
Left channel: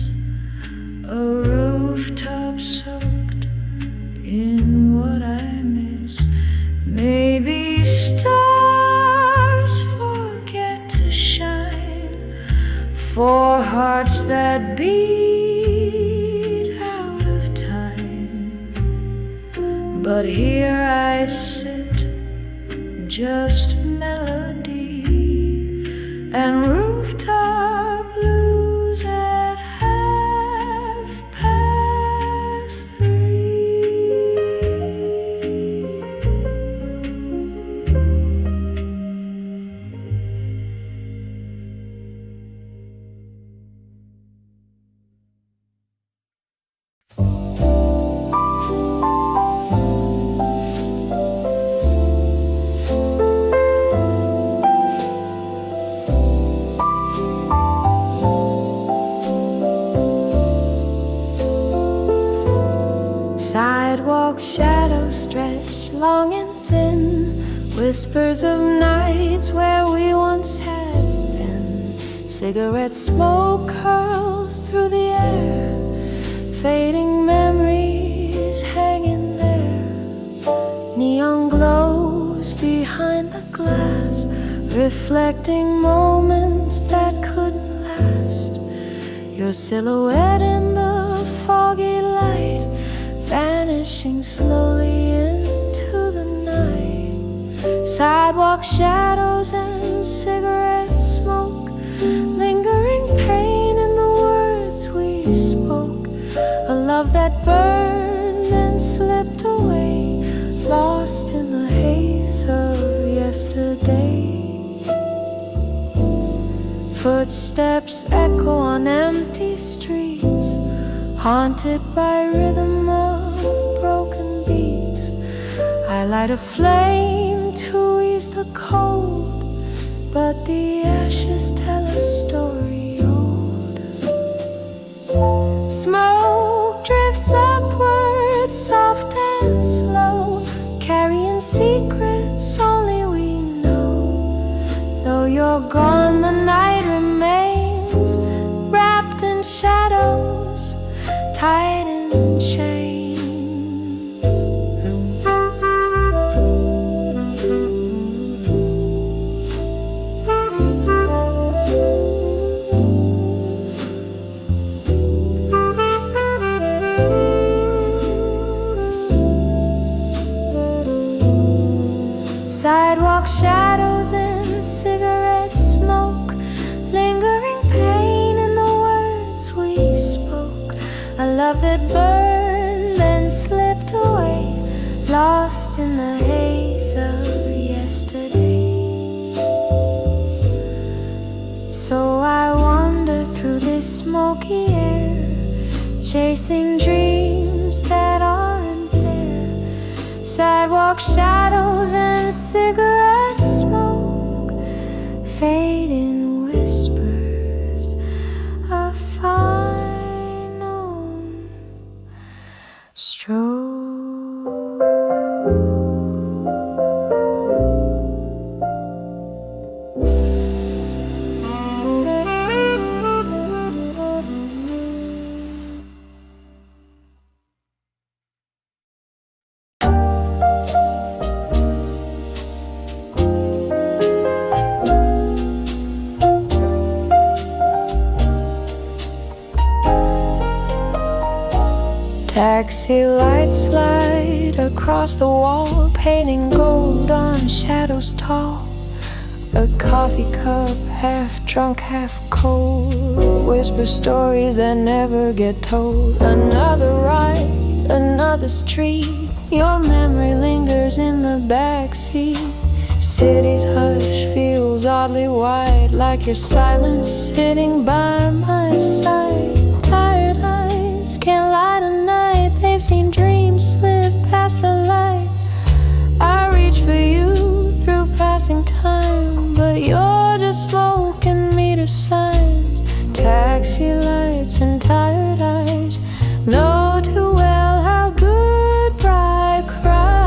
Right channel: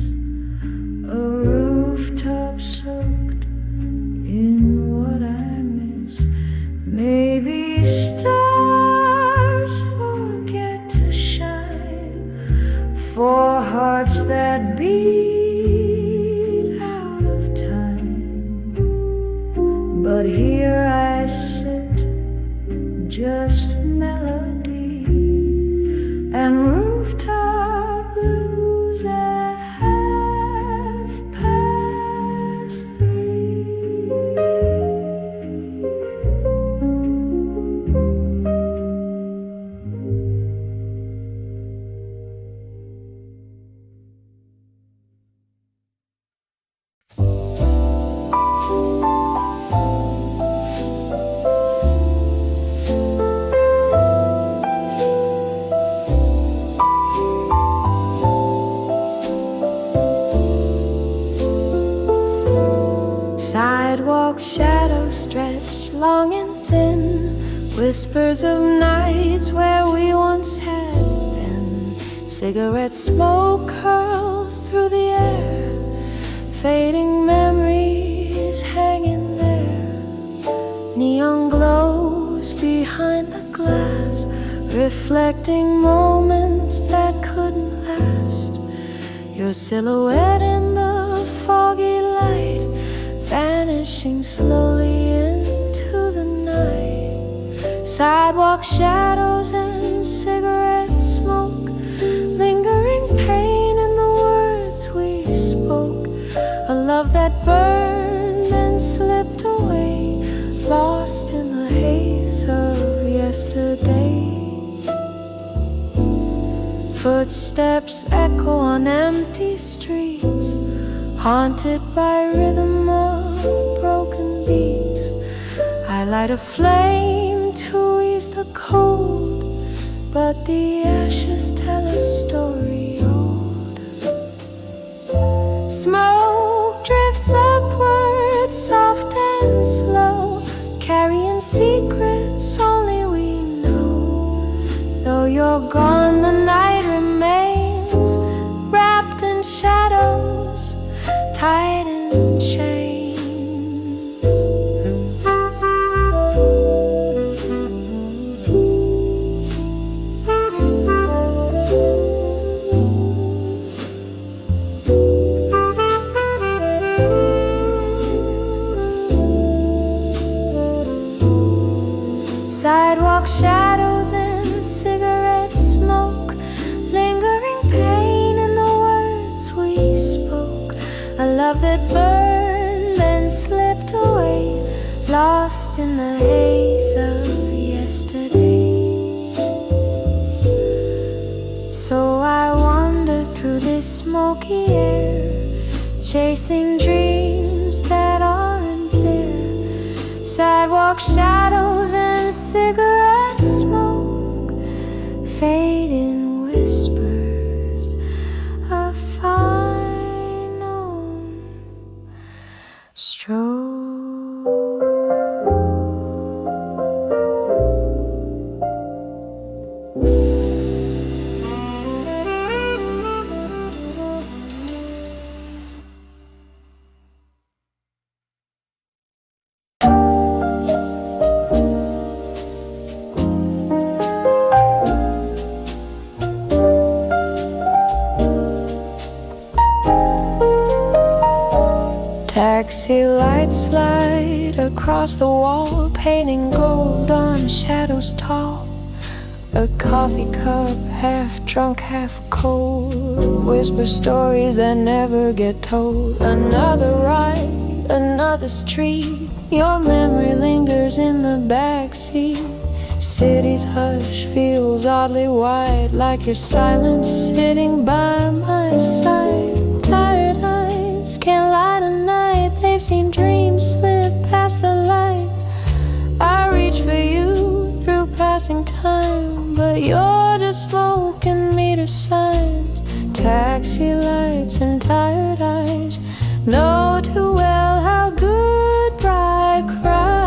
a rooftop soaked in what I miss. Maybe stars forget to shine for hearts that beat out of time. But here I sit, just melody and rooftop blues at 3:30. Sidewalk shadows stretch long and thin, whispers of nights where we once had been. Cigarette smoke curls through the air, fading memories hanging there. Neon glows behind the glass, reflecting moments that couldn't last. Your silhouette in the foggy light, vanishing slowly into the night. Sidewalk shadows and cigarette smoke, lingering pain in the words we spoke. A love that burned and slipped away, lost in the haze of yesterday. Footsteps echo on empty streets, haunted by rhythm of broken beats. I light a flame to ease the cold, but the ashes tell a story old. Smoke drifts upward, soft and slow, carrying secrets only we know. Though you're gone, the night remains, wrapped in shadows, tied in chains. Sidewalk shadows and cigarette smoke, lingering pain in the words we spoke. A love that burned and slipped away, lost in the haze of yesterday. So I wander through this smoky air, chasing dreams that aren't there. Sidewalk shadows and cigarette smoke, fade in whispers. Taxi lights slide across the wall, painting gold on shadows tall. A coffee cup, half drunk, half cold, whisper stories that never get told. Another ride, another street, your memory lingers in the backseat. City's hush feels oddly wide, like your silence sitting by my side. Tired eyes can't light a night, they've seen dreams slip past the light. I reach for you through passing time, but you're just smoke and meter signs. Taxi lights and tired eyes know too well how goodbye cries.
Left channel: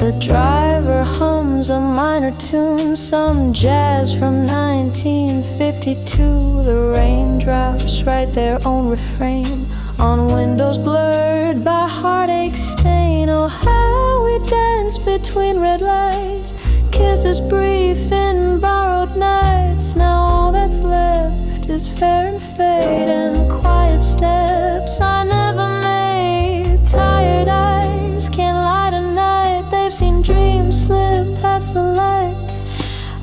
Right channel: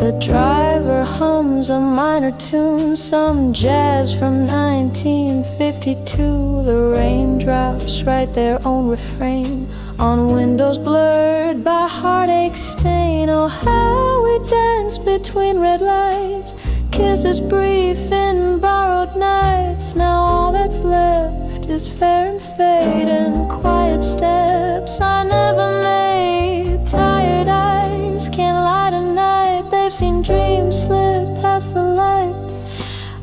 The driver hums a minor tune, some jazz from 1952. The raindrops write their own refrain on windows blurred by heartache stain. Oh, how we dance between red lights, kisses brief in borrowed nights. Now all that's left is fair and fade and quiet steps I never made. Tired eyes can't light a night, they've seen dreams slip past the light.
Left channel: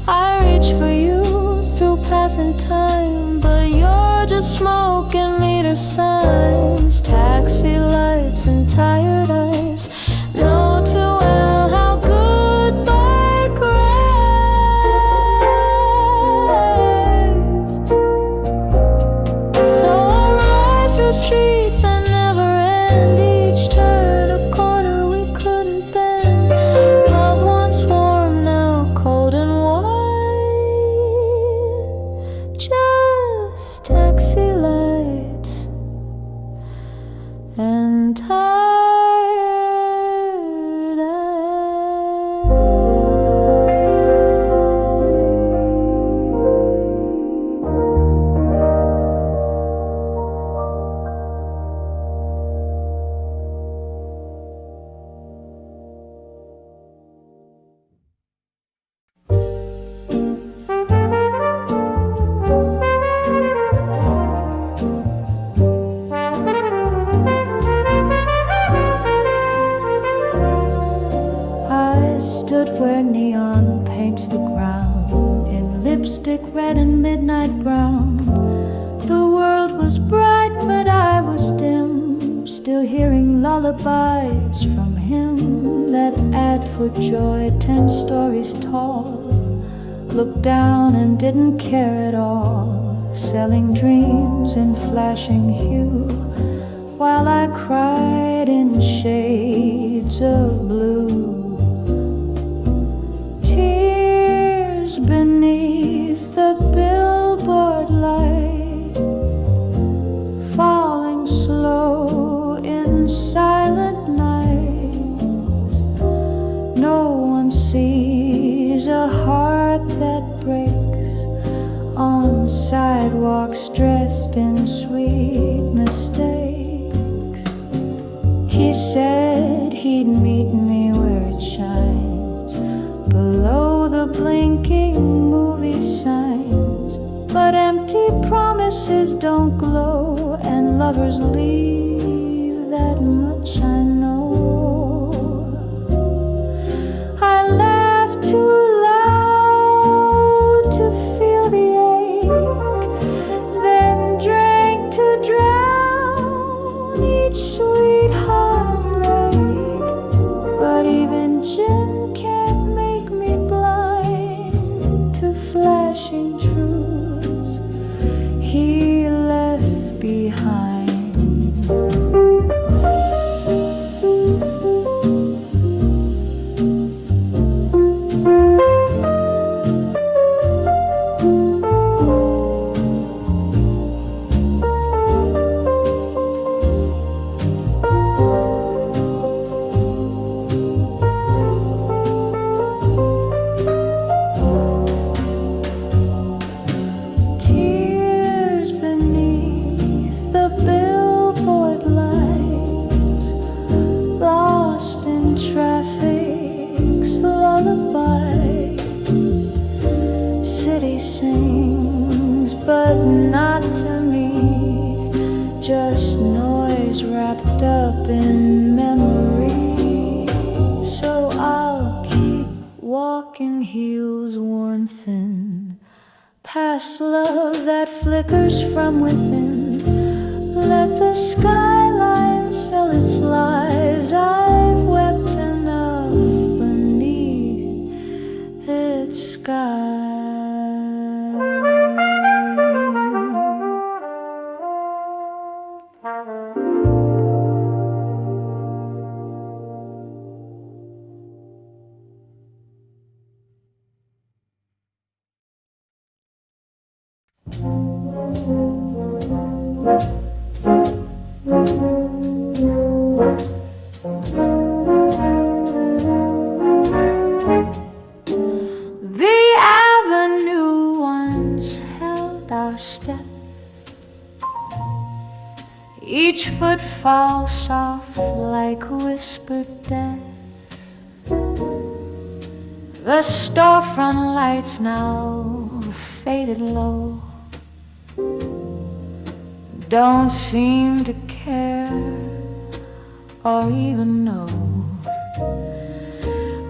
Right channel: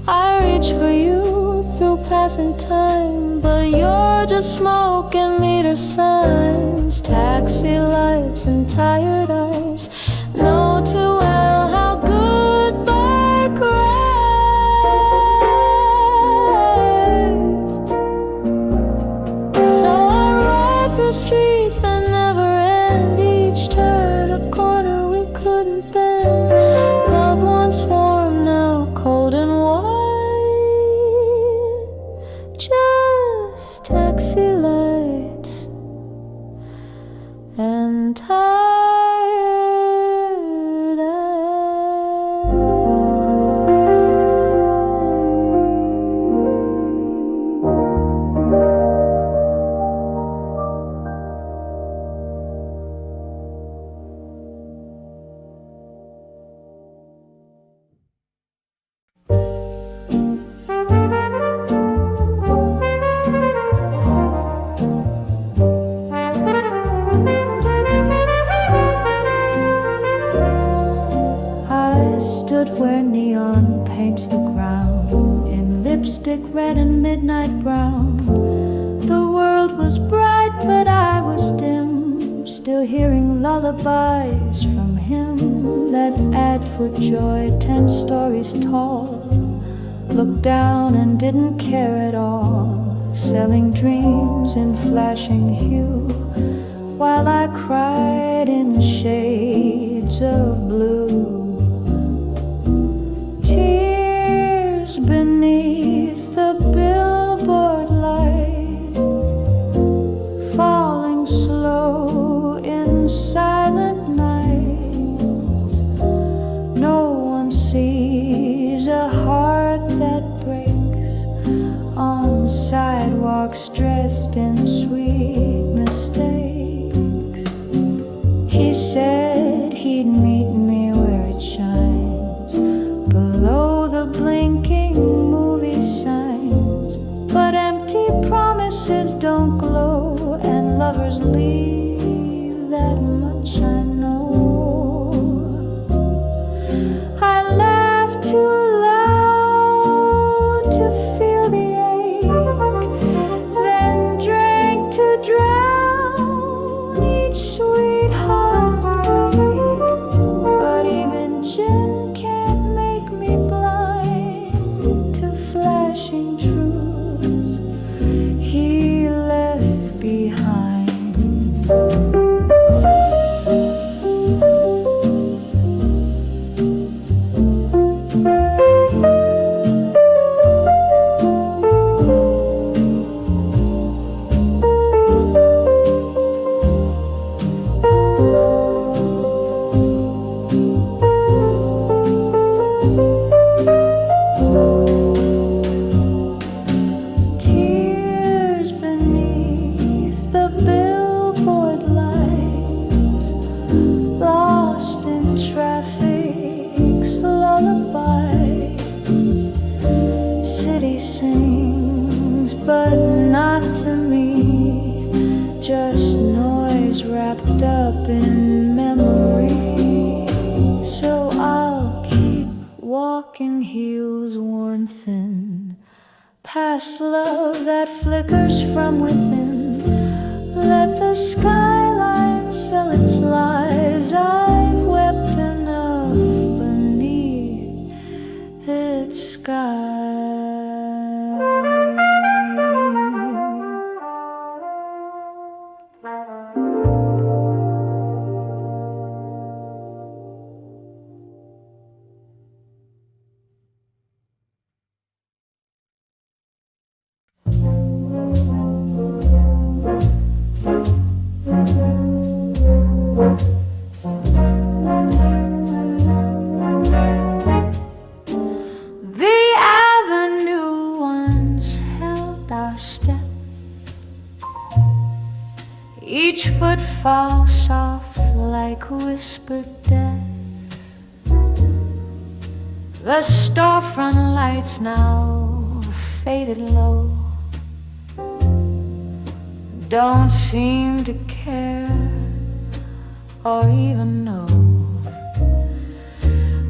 I reach for you through passing time, but you're just smoke and meter signs. Taxi lights and tired eyes know too well how goodbye cries. So I ride through streets that never end, each turn a corner we couldn't bend. Love once warm, now cold and white. Just taxi lights and tired eyes. I stood where neon paints the ground in lipstick red and midnight brown. The world was bright, but I was dim, still hearing lullabies from him that add for joy 10 stories tall. Looked down and didn't care at all, selling dreams in flashing hue, while I cried in shades of blue. Tears beneath the billboard lights, falling slow in silent nights. No one sees a heart that breaks on sidewalks dressed in sweet mistakes. He said he'd meet me where it shines, below the blinking movie signs. But empty promises don't glow, and lovers leave, that much I know. I laughed too loud to feel the ache, then drank to drown each sweet heartbreak. But even gin can't make me blind to flashing truths he left behind. Tears beneath the billboard lights, lost in traffic's lullabies. City sings things, but not to me. Just noise wrapped up in memory. So I'll keep walking, heels worn thin, past love that flickers from within. Let the skyline sell its lies. I've wept enough beneath its sky. The avenue once held our step, each footfall soft like whispered death. The storefront lights now faded low, don't seem to care or even know.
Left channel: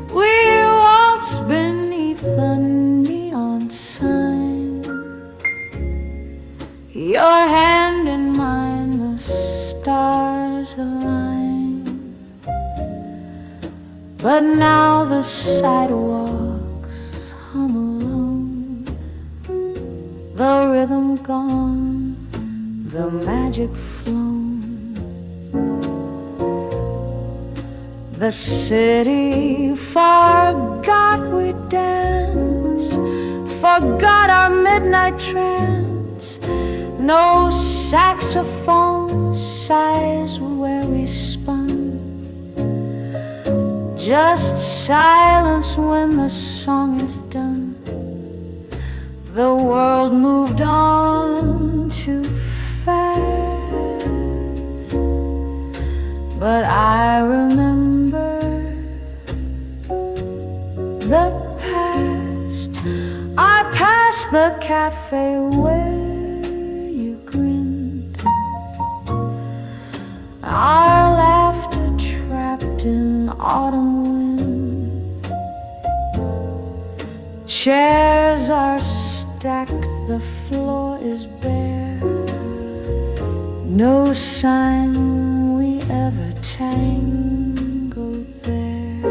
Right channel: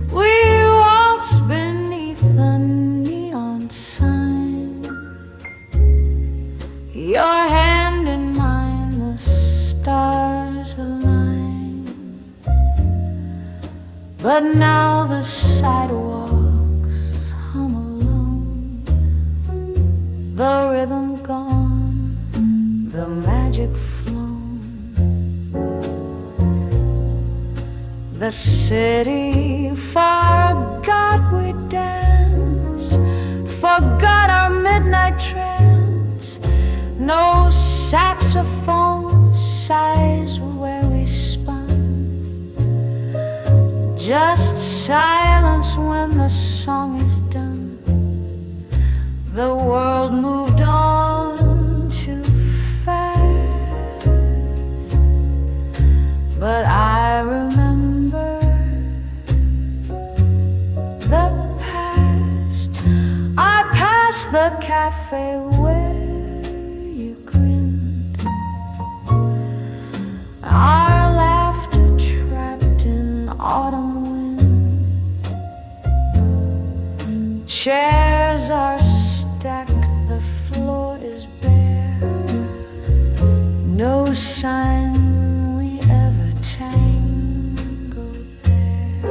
We waltz beneath the neon sign, your hand in mine, the stars align. But now the sidewalks hum alone, the rhythm gone, the magic flown. The city forgot we danced, forgot our midnight trance. No saxophone sighs where we spun, just silence when the song is done. The world moved on too fast, but I remember the past. I passed the cafe where you grinned, our laughter trapped in autumn wind. Chairs are stacked, the floor is bare, no sign we ever tangled there.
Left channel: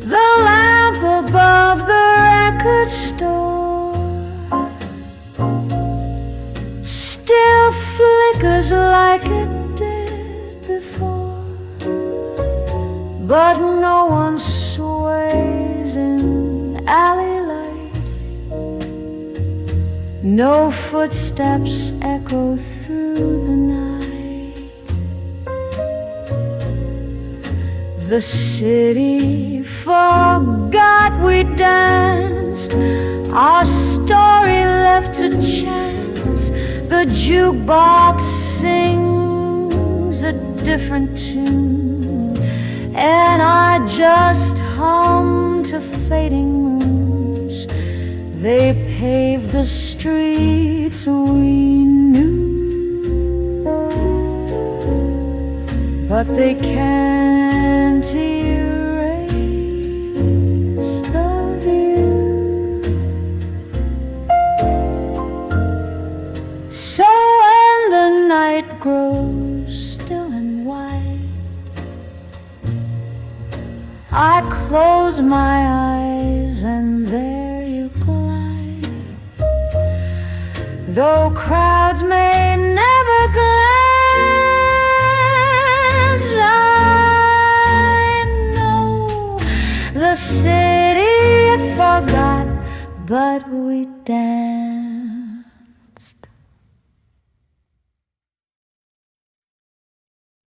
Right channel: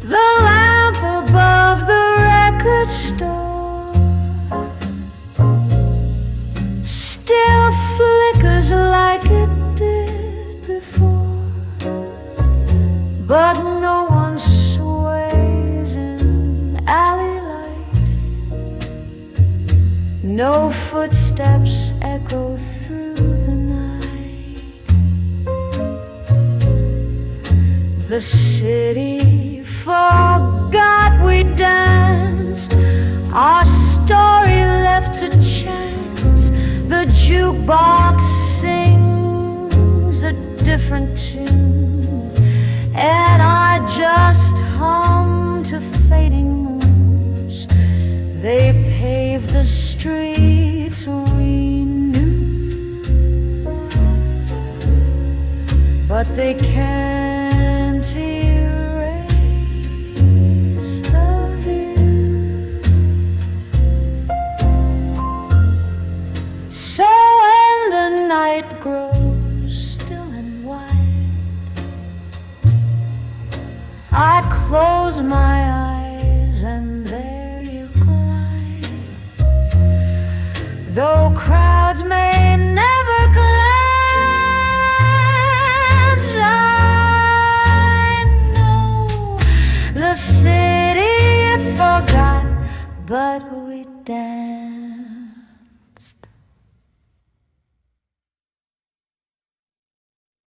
The lamp above the record store still flickers like it did before, but no one sways in alley light, no footsteps echo through the night. The city forgot we danced, our story left to chance. The jukebox sings a different tune, and I just hum to fading moons. They paved the streets we knew, but they can't erase the view. So when the night grows still and wide, I close my eyes and there you glide. Though crowds may never glance, I know the city forgot, but we danced.